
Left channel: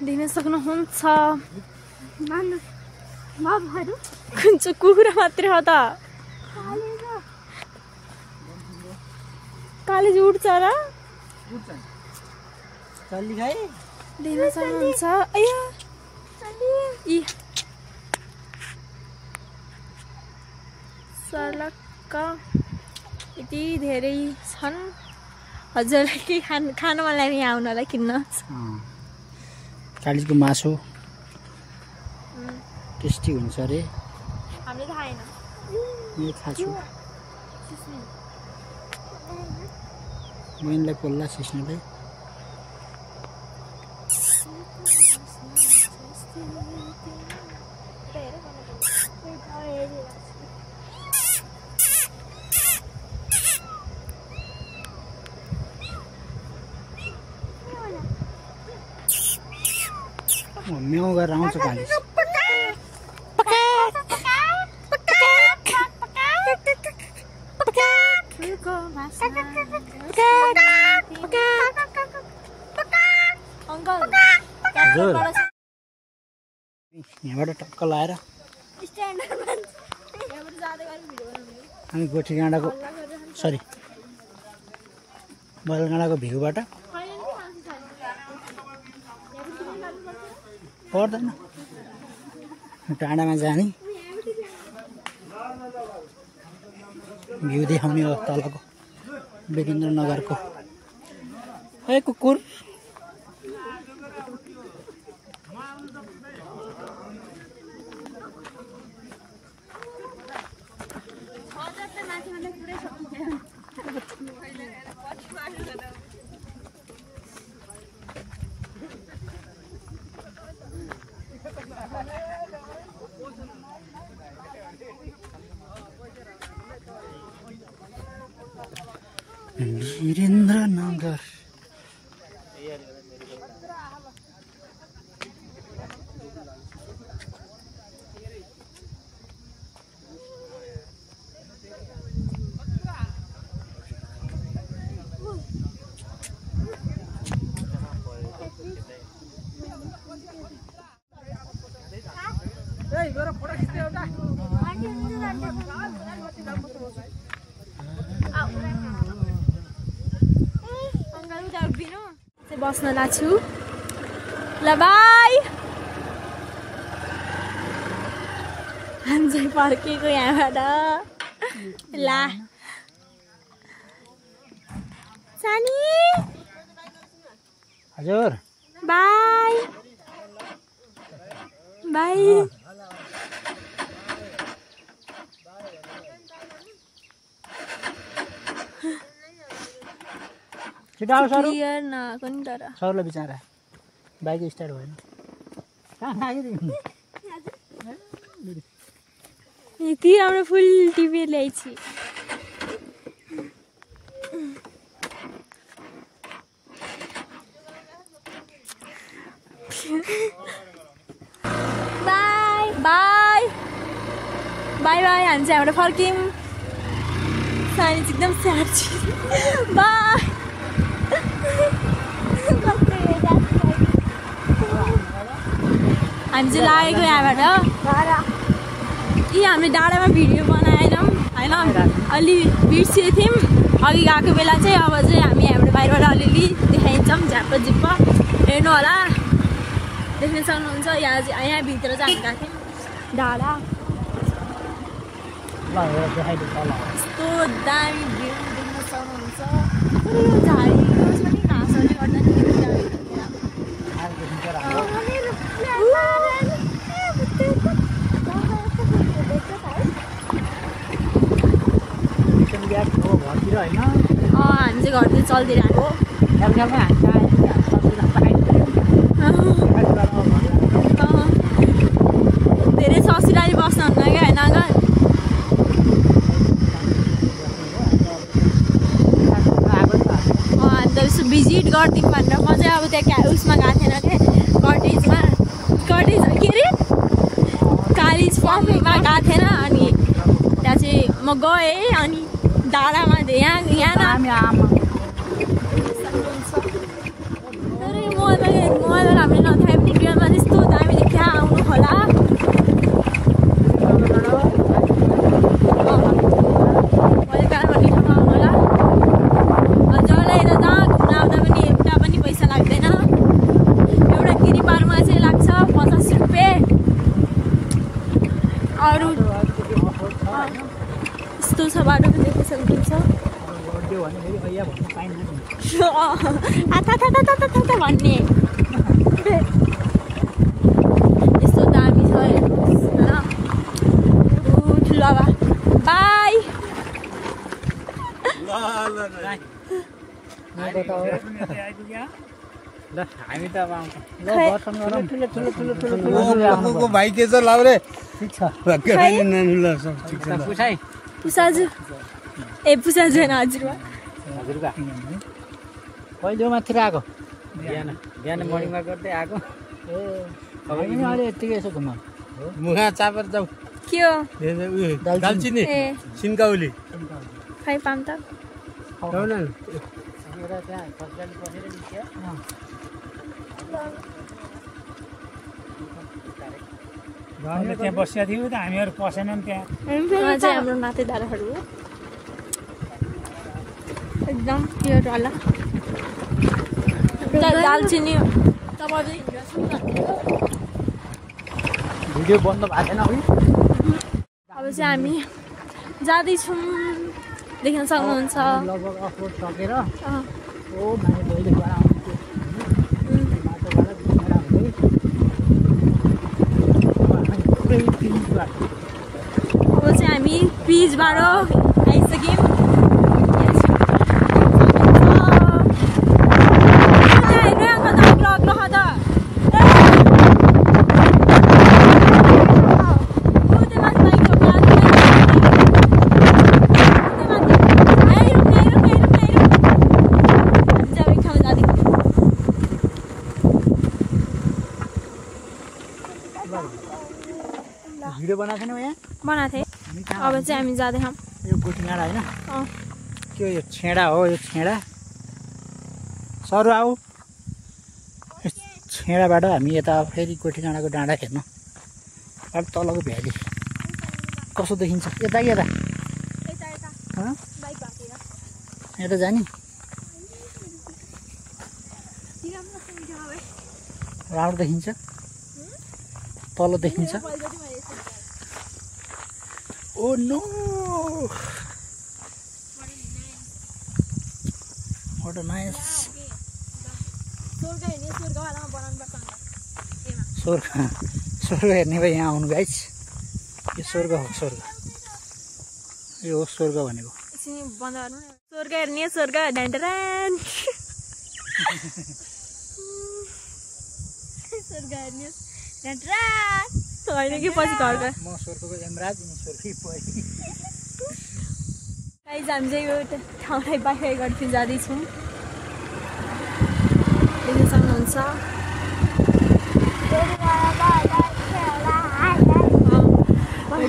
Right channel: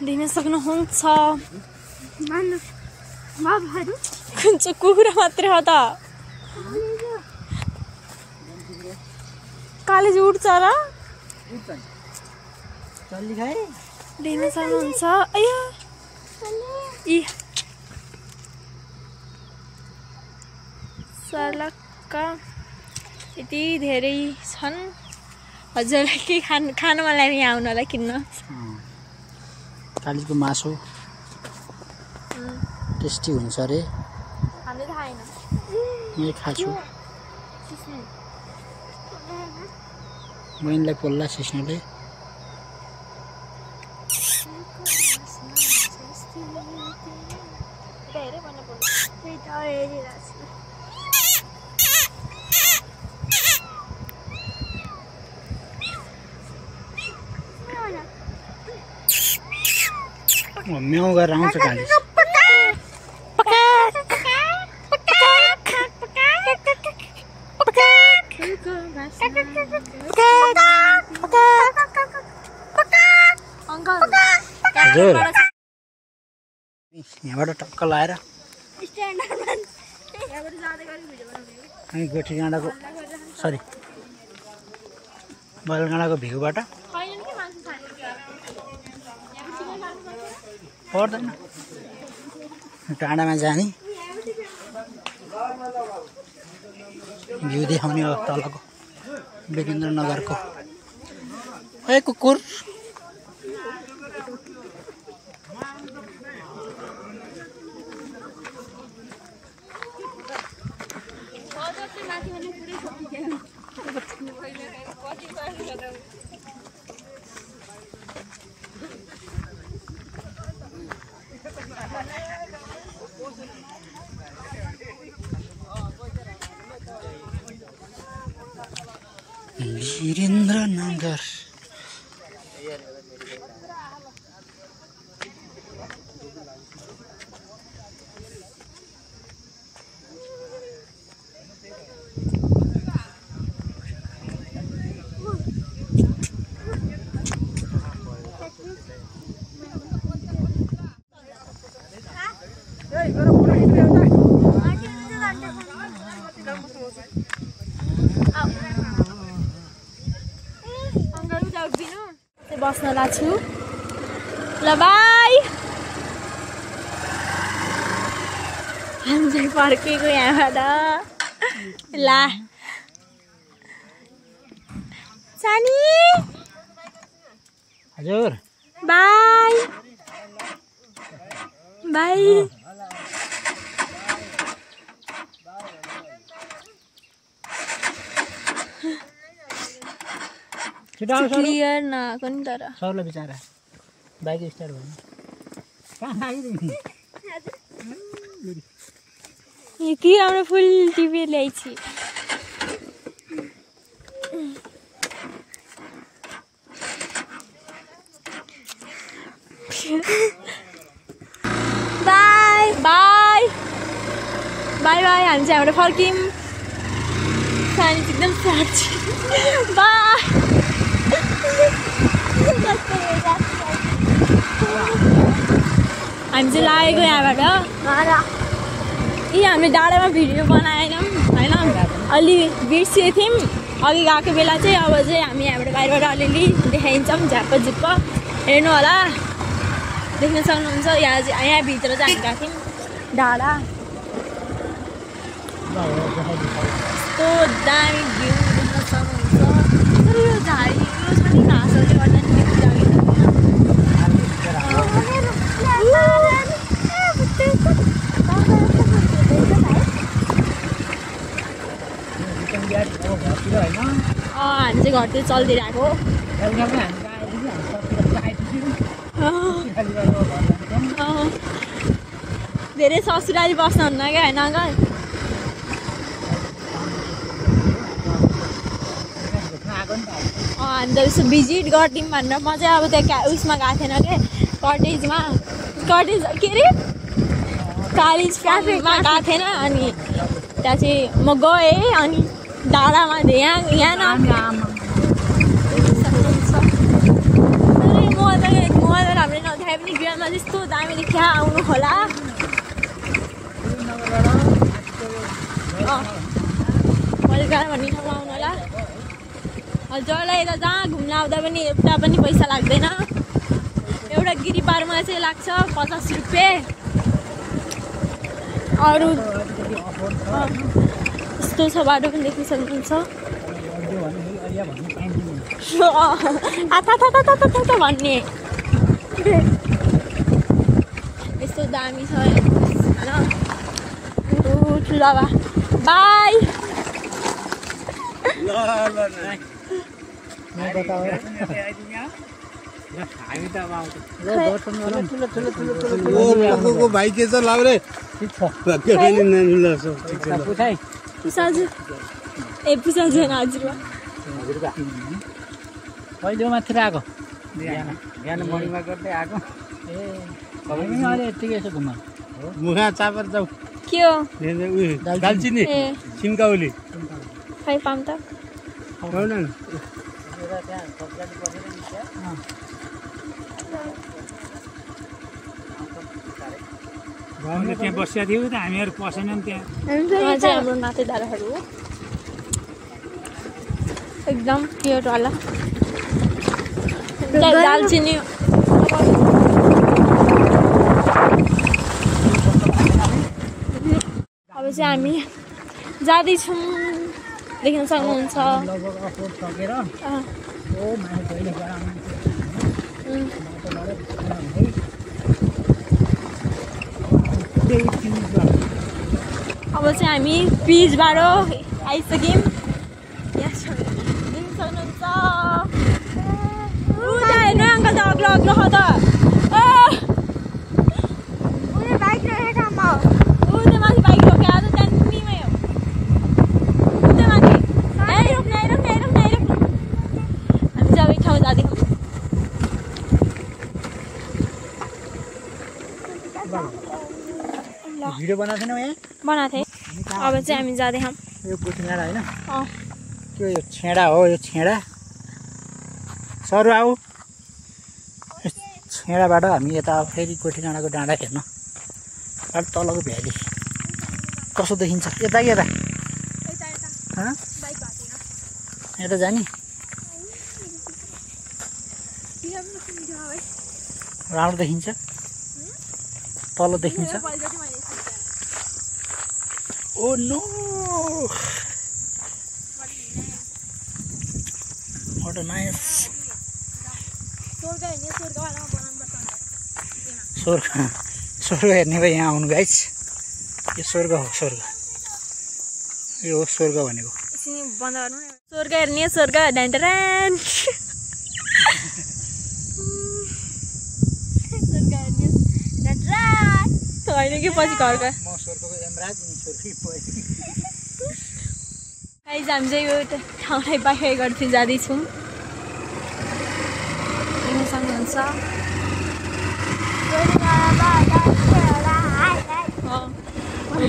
देख्न सक्नुहुन्छ कुन चाहिँ कुखुरा मात्रै हो त कालेज उड्छ र देख्न सक्नुहुन्छ इ सर्लक्क यति धेरै छन् हजुरलाई के खान मन लाग्यो यहाँ आउनलाई किन्न कालिजको मासु टेस्टी हुन्छ अरे हामीले थाहा छैन मैले खाछु बहिनीलाई पोल्ला सिस्नुले म्याउ गरेर आउँछ कालिज यहाँबाट टक्क लाएर हामी गोठी गाँडाको सरी बलगाँडाको भिउबाट पर्दैन टाढामा जाने भ्यू देखाउने हो तलको लोकेन्द्रनगरको ए कुकुर वीरेन्द्रनगर बस्नला छु ल बाई हामी चाहिँ फर्केको यहाँबाट ला सानी हजुर बाई बाई क्लियर नआएको नि तर सरलाई बिचारा बाइक स्टार्ट भएन कहाँ आयो कि हाम्रो फुल टिभी ल्याइछि बाई बाई बाई बाई हामी चाहिँ हाम्रो फर्कियौँ सानी चाहिँ एकदम स्याड छ बाई हामी चाहिँ लागेको यहाँबाट यी हामी डाँडामा भिडियो बनाएनौँ होइन अलि बिर्सिएको थियौँ अघि गएको बेला चाहिँ अब चाहिँ हामी यहाँबाट बाहिरबाट अलिअलि देखाइन्छौँ झ्याप्प झुप्प हेर्नु होला देख्न सक्नुहुन्छ यहाँभित्र चाहिँ हामी गएको थियौँ डाँडा यस्तो दामी भ्यू देख्न सक्नुहुन्छ तर यो झाडीको छ नि घाँसहरूले गर्दा नि भ्यू दामी घरतिर होइन हामी चाहिँ घरतिर चल्दिरहेको धेरै ससुराली बस्नुहुन्न क्या होइन अङ्कल अन्त यसो भिजिट गर्थ्यौँ भनेर म चाहिँ अब त्यहाँ उयसमा गएको थिएन क्या कटेज के अरे कालिज क्याफेमा गएको थिएन अनि त्यहाँ चाहिँ म गएँ अनि डाँडामा यहाँ सक्नुहुन्छ तर म त राम्रै नथाए पनि भिडियोमा त्यस्तो दामी देखिया आउनु होला मैले कार भन्ने ठाउँमा आउनु होला जरा यता जहाँ घुम्न आउँदा पनि एउटा पनि पैसा लाग्दैन एउटा गिरी पारमा चाहिँ लाग्छ 50 रुपियाँ अरू यस्तो छ बाटो पनि देख्न सक्नुहुन्छ भन्ने यस्तो दामी छ होइन ठुलो बाई हामी त दर्शन गरौँ भाइ के छ लाउरे ठिक छ पुसाजु ए पुसाजु होइन हजुरबा कहिले माथि आएको बिहान मर्निङमा गर्दै आएको ए हामी अहिले यत्तिकै यसो घुम्न मुखा चापर जाऊ के हो दालचिनी सिन्काउली खै पाम त त्यहाँ सरकारी पसेर निस्क्यो त्यहाँ बसिया थियौँ त हामीहरू पसेनौँ त्यहाँ हाम्रो नातेदारहरू एकदम प्योरवाला दालचिनी भिडियो बन्द भएको छैन है। अब चाहिँ हामी जाँदैछौँ, देख्न सक्नुहुन्छ। लगभग अपलोड सकेर ओ माने पहिले गएर बाटोबाट घुमेर हुँदै अब चाहिँ हामी ब्रिजबाट आइसक्यौँ। हेर्नु अङ्कल त अग्लो अग्लो छ त। भिडियो बनाएको थिएन यहाँ बनाएको थिएँ। अब चाहिँ हामी जाँदैछौँ। यो गोठीमाडा होइन के यो छेडा हो। यो छेडा सर आऊ छेडाबाट हामी यता फेरि गोठीडाँडाको डाँडा हेर्न अब तलको भ्याली कस्तो देखिन्छ। यता यता यता जाने राम्रो देखिन्छ। तल देखिन्छ। Oh no what a nice. स्वर्ग हेर्ने भए यहाँ आउनु गाइस। यो स्वर्ग हो। स्वर्ग यो हो स्वर्ग भनेको। स्वर्ग हेर्ने स्वर्ग ढान्टरान होइन कि पछि घरको म स्वर्गको यमराज अनि स्वर्गको गाइस हामी चाहिँ यो ठाउँलाई बाहिर गर्दै जाँदैछौँ। देख्न सक्नुहुन्छ।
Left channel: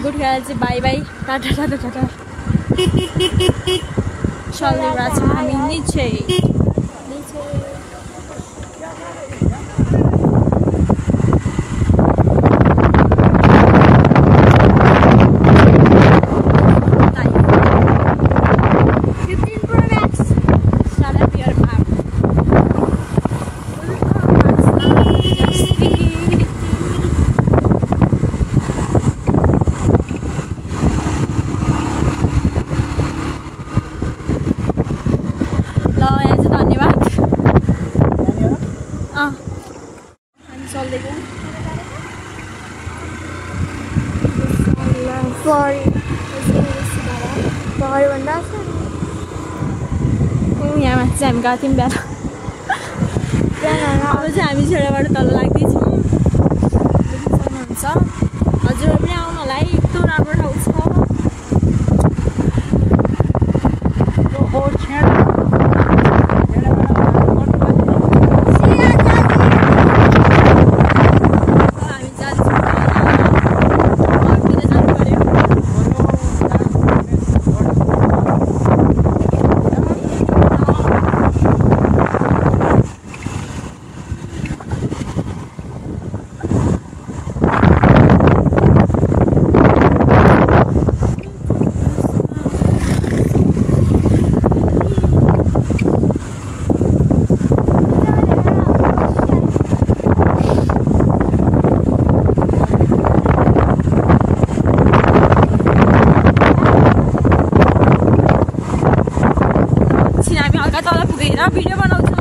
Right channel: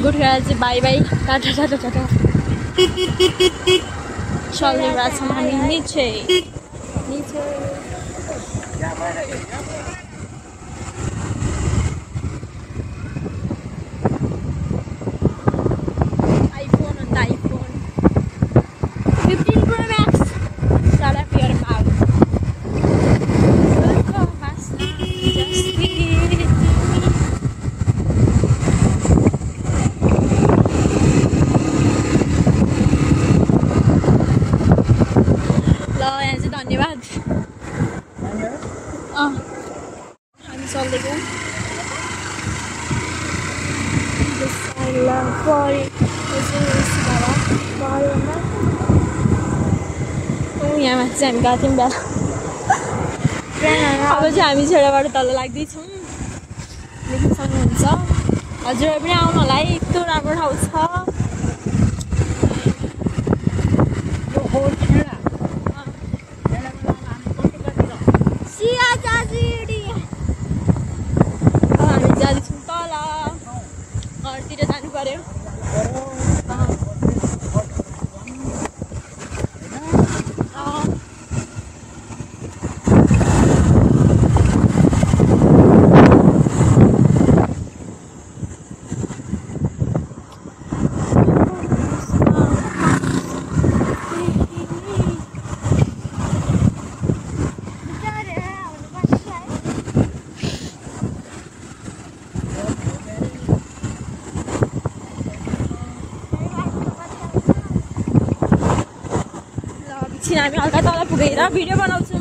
गोठीडाँडा चाहिँ बाई बाई टाटा टाटा टाटा चलिरहेको छौँ हामी निचे। धन्यवाद। हामी चल्दैछौँ। यहाँ माथि चाहिँ हामी गएको थियौँ बिहान। अब चाहिँ हामी छेडाबाट तल लाग्दैछौँ। देख्न सक्नुहुन्छ। हजुरहरू पनि आउनु होला है, यस्तो राम्रो ठाउँ छ। हामी हल्का तल पुगेर भिडियो बनाउँछौँ।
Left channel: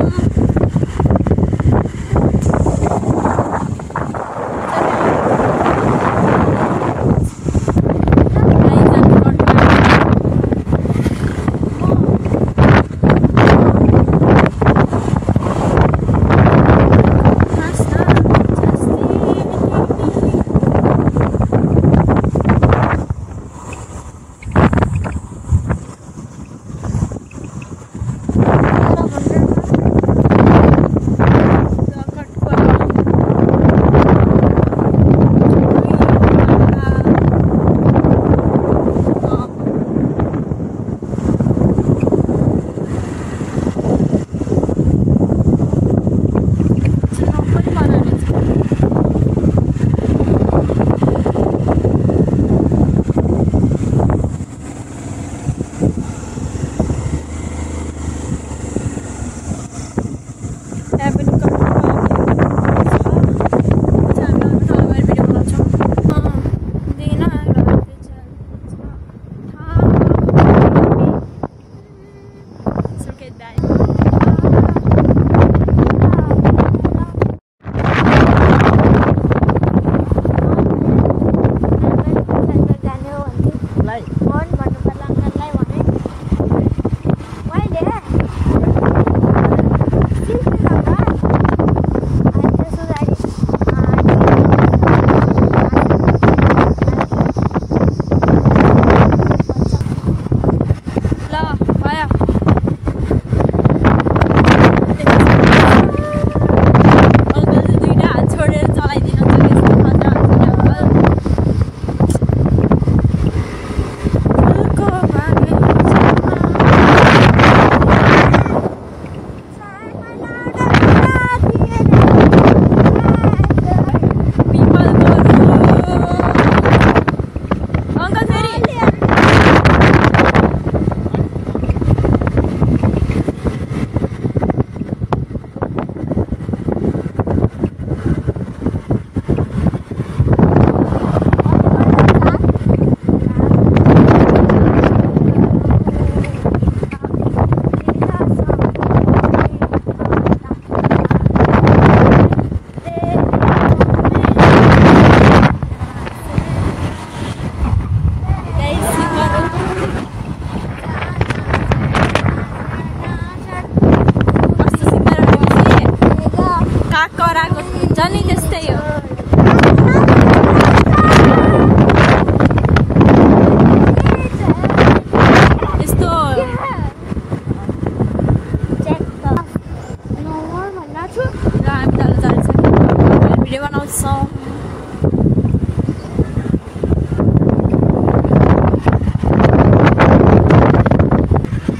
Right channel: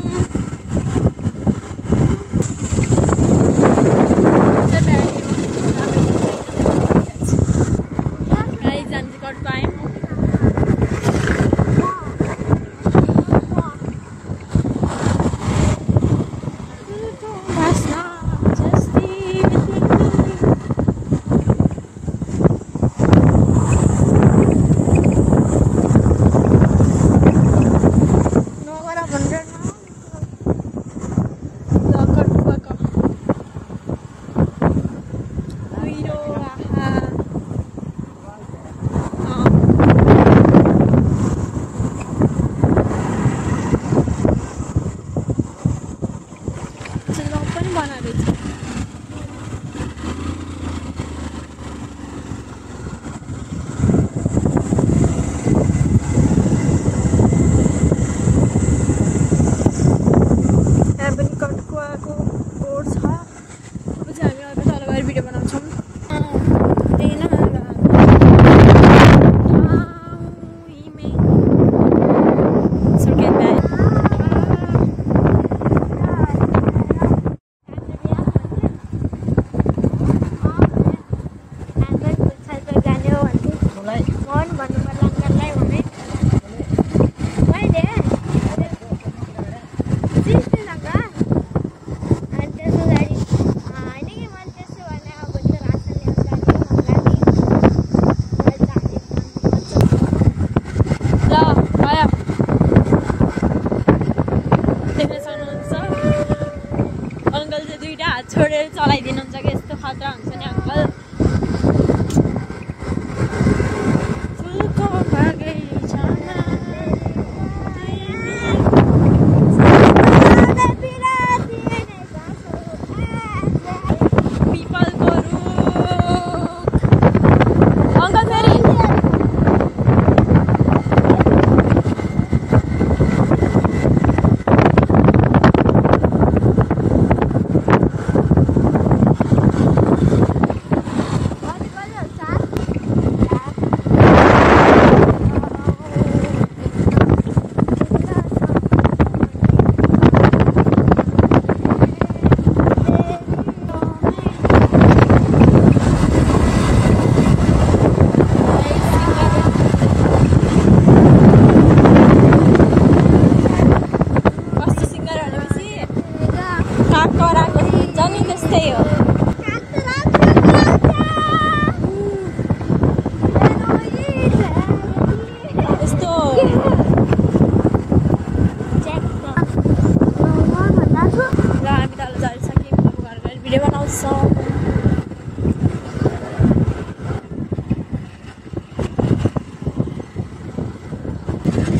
भिडियो बनाउँछौँ।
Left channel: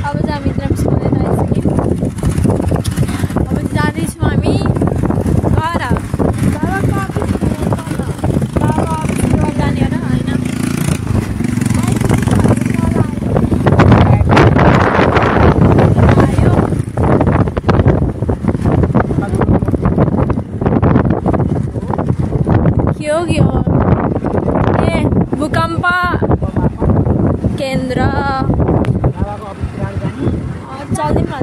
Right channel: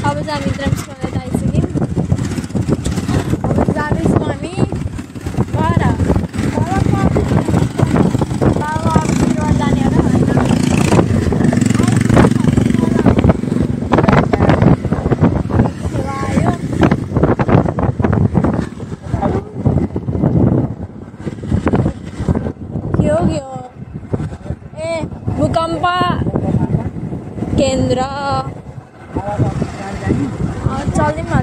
अब चाहिँ हामी इन्द्रम्सकलेट आइसक्यौँ। अब जाँदैछौँ हामी घर। बाबाको अफिसबाट जाने हो होइन। के हो ए भूकम्प केन्द्र चल्दैन त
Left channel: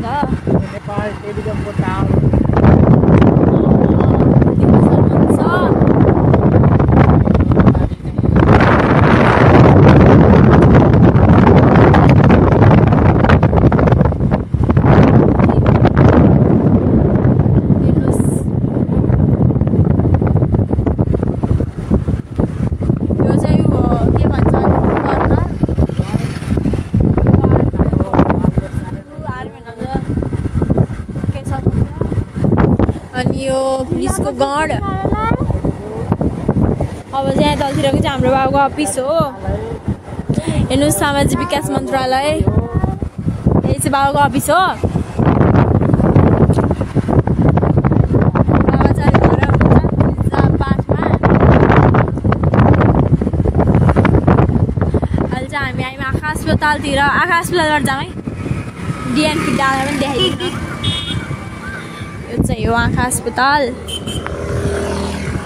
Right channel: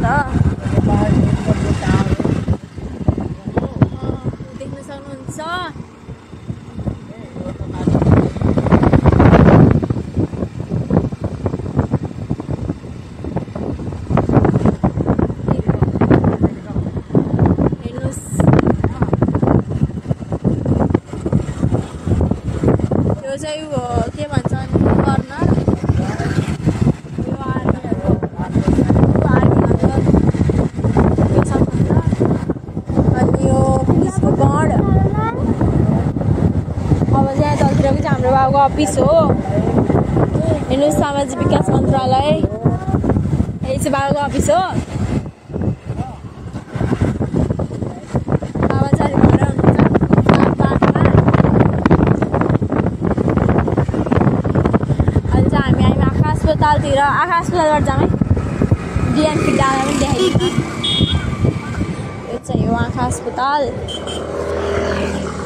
देख्न सक्नुहुन्छ। यो चाहिँ के भन्छ अनि यो पुलिसको गढ। अब चाहिँ तलतिरको चाहिँ हाम्रो बाबुको अफिस हो। हेर्नुहोस् सामाजिक विकास मन्त्रालय यही चाहिँ बाबुको अफिस हो। बाबा चाहिँ घर अहिले चाहिँ हामी आयौँ आँखा अस्पतालतिर। आँखा अस्पतालबाट जाउँ है। डिएनपी डाँडा पनि देखाइदिनु। यो चाहिँ हो आँखा अस्पताल।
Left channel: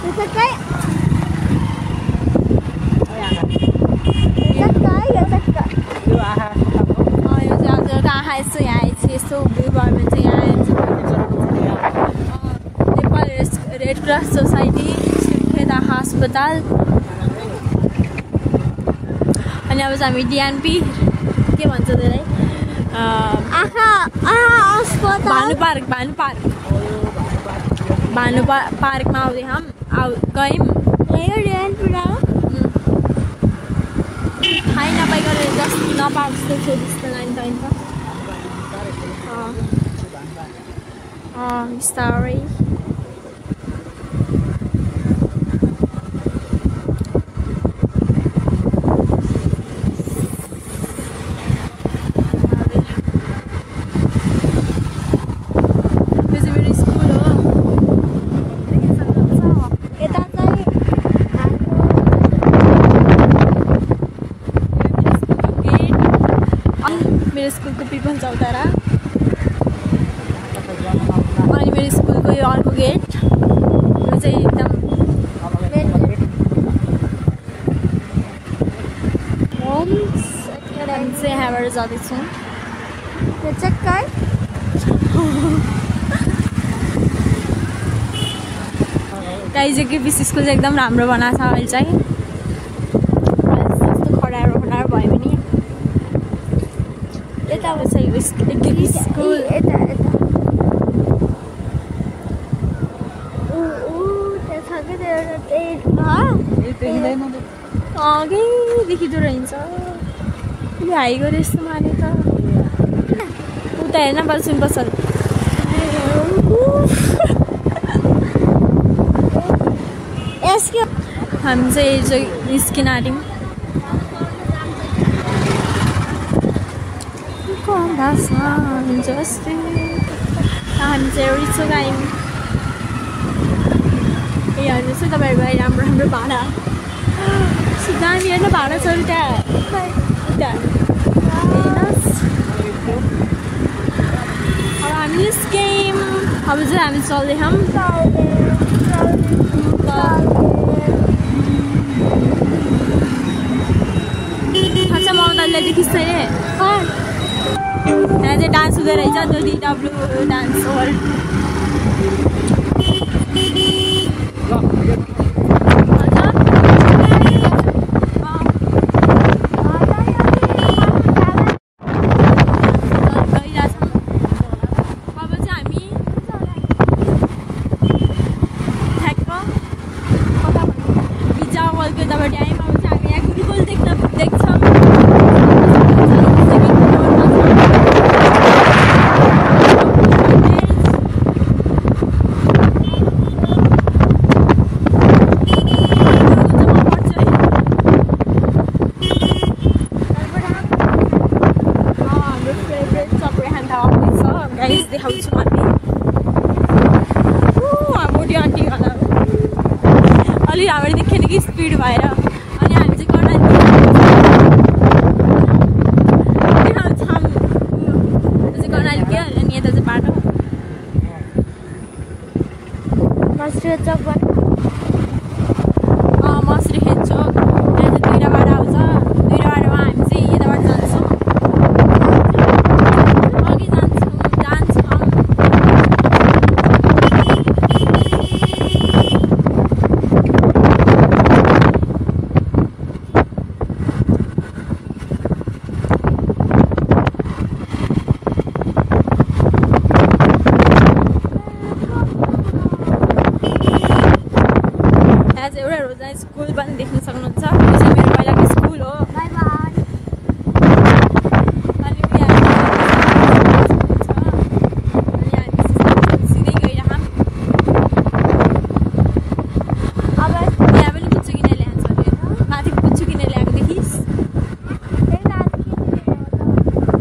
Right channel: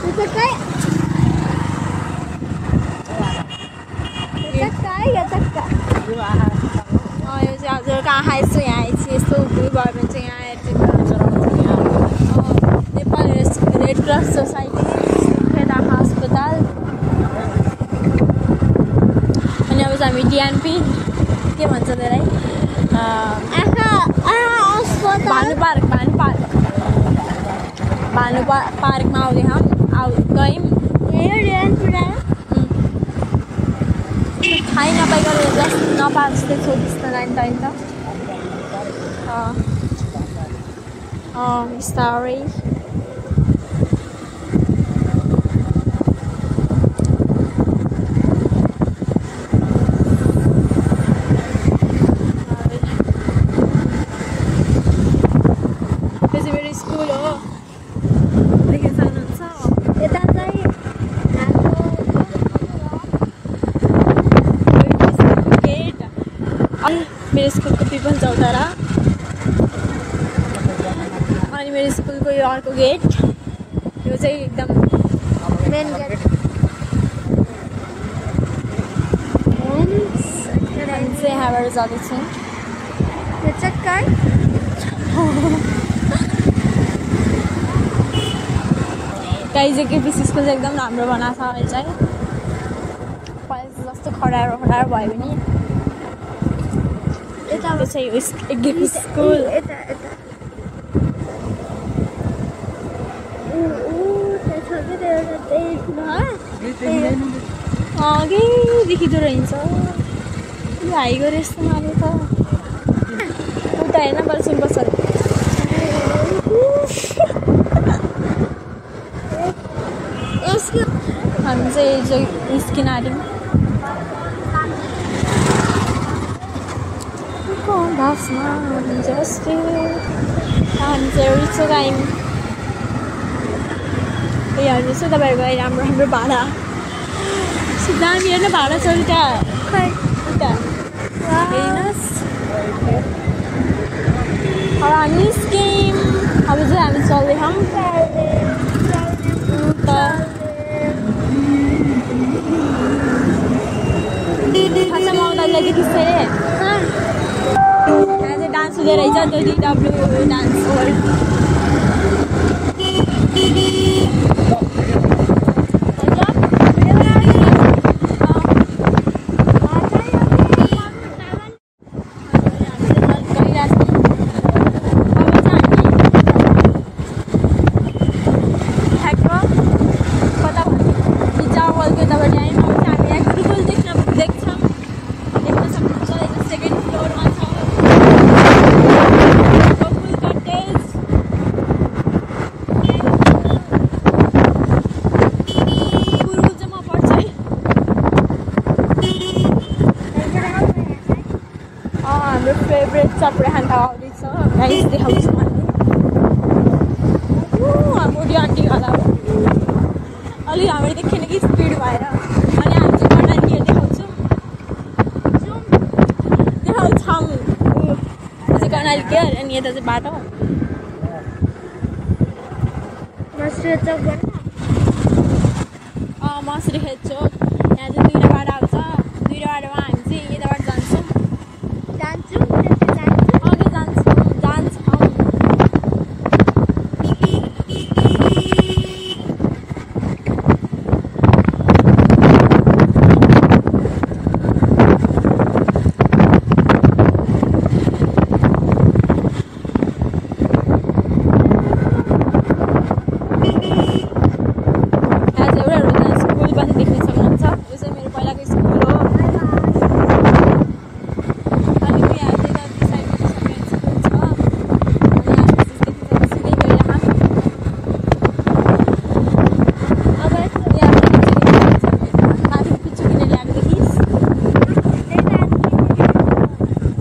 यो चाहिँ हजुरको आँखा यसो यहाँ आएपछि यस्तो उभियो भयो भने चाहिँ यहाँ आएर Nepal red cross society Surkhet आँखा अस्पताल। अनि अब चाहिँ हामी डिएनपी के भन्छ त्यसलाई भानु पार्कमा आउँदै हम गयौँ। थाहै नपाइकन नपाएको जस्तो सोधिस् न नानी त बिस्तारै। मेरो स्कुलको पिपल चौतारा अनि मेरो स्कुलको यो अर्को गेट। यो चाहिँ एकदम मेन गेट। हामी चाहिँ यहाँबाट जाँदैछौँ। यो चक्कै काइजेको स्कुल चाहिँ एकदम राम्रो बनाएको छ। अहिले चाहिँ जस्तो खडारो भयो पनि यता चाहिँ स्कुल यता अघि देखिँदो रहेछ। हाई गरे जस्तो माने त उता हेर्न पर्छ बसल। हामी चाहिँ निस्किन आँट्यौँ। हामी चाहिँ रिचो आयौँ। ए हजुर चाहिँ तपाईँहरूको अहिले राम्रो राम्रो भाडा दामी हेर्न भाडा छ उता खै उता हेर्नुहोस्। अब हामी निस्क्यौँ। अब चाहिँ हामी चल्दैछौँ। अच्छा म उनीहरूलाई देखिस् यहाँ चाहिँ डान्स हुँदो रहेछ। DW डान्स हो। अलि हाम्रो देखेन कि स्पिड भएर अनि हामी चाहिँ कर्णाली केयर अनि यता चाहिँ बाटो मसुरी चौक मसुरी हेर्छु यहाँ चाहिँ दुईवटा बाटो आउँछ दुईवटा बाटोमा हामी चाहिँ यताबाट जान्छौँ अघि जान्छौँ देख्न सक्नुहुन्छ यो चाहिँ मेरो पहिलाको स्कुल हो माथि कुच्चो किनेर ल्याएको देखिस्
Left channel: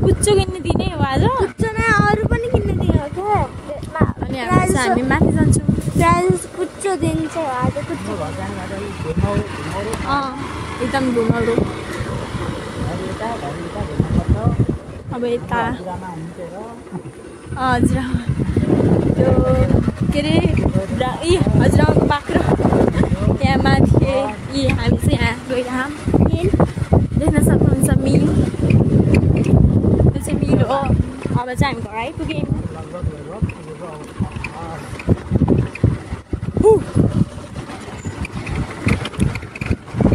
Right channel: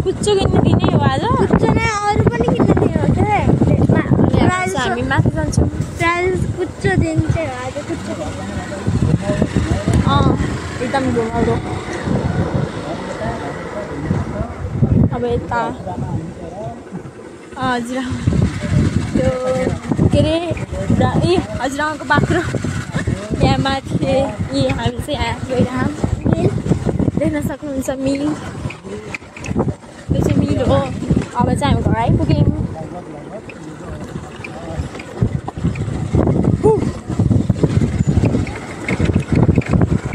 कुच्चो किन्न दिने हो आज कुच्चो नै अरू पनि किन्न दिने हो क्या हामी माथि जान्छौँ कुच्चो दिन्छ आज कुच्चो एकदम घुमाउरो अब यता हजुरआमा त्यो के अरे ए हजुरआमाको बाख्रो यहाँ माथि हामी चाहिँ यहाँ गइरहँ मिल देख्न सक्नुहुन्छ मिल यो चाहिँ मिल हो अब चाहिँ हामी घर आइपुग्यौँ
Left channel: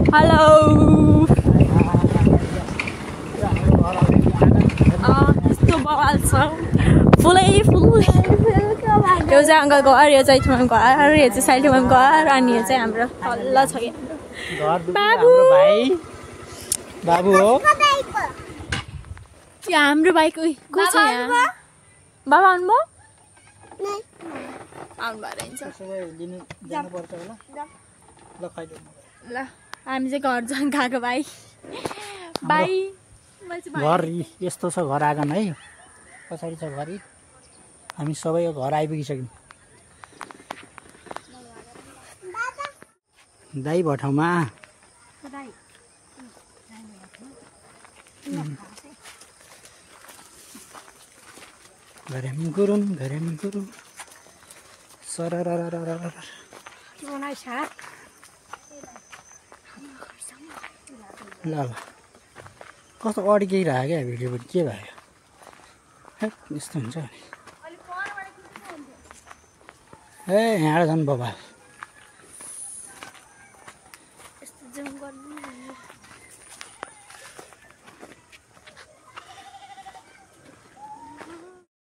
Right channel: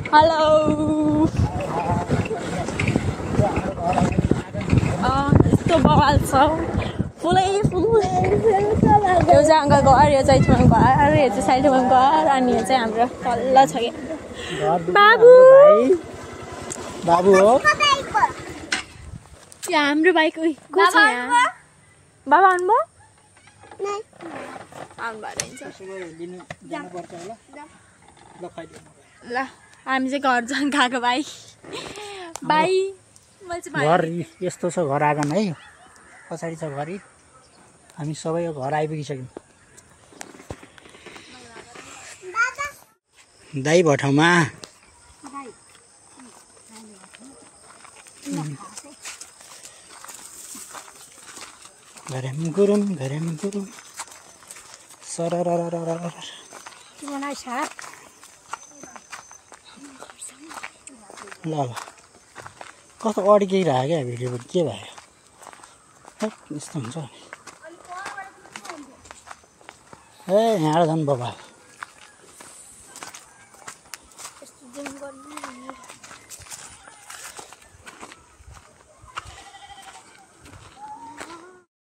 हेलो यस्तो बवाल छ फुलै फुल यो चाहिँ अङ्कलको घर यो चाहिँ छुवाको घर यो चाहिँ साइडमा घर अनि यो चाहिँ हाम्रो तल्लो छ कि बाबु बाबु हो यहाँ हाम्रो बाइक को छ यहाँ बाबा आउनुभयो आउनु भएर ल हामी चाहिँ घर जान गएको भाइ घर यस्तो छ घर आँगन है पछाडि छ घर हामी सबै घर आइपुगिसक्यौँ दाइ भठाउँमा घरेम गुरुम सरर ल कस्तो अड्किरहेको क्या भिडियो पनि के भयो यस्तो हुन्छ नि ए यहाँ झन् बाबा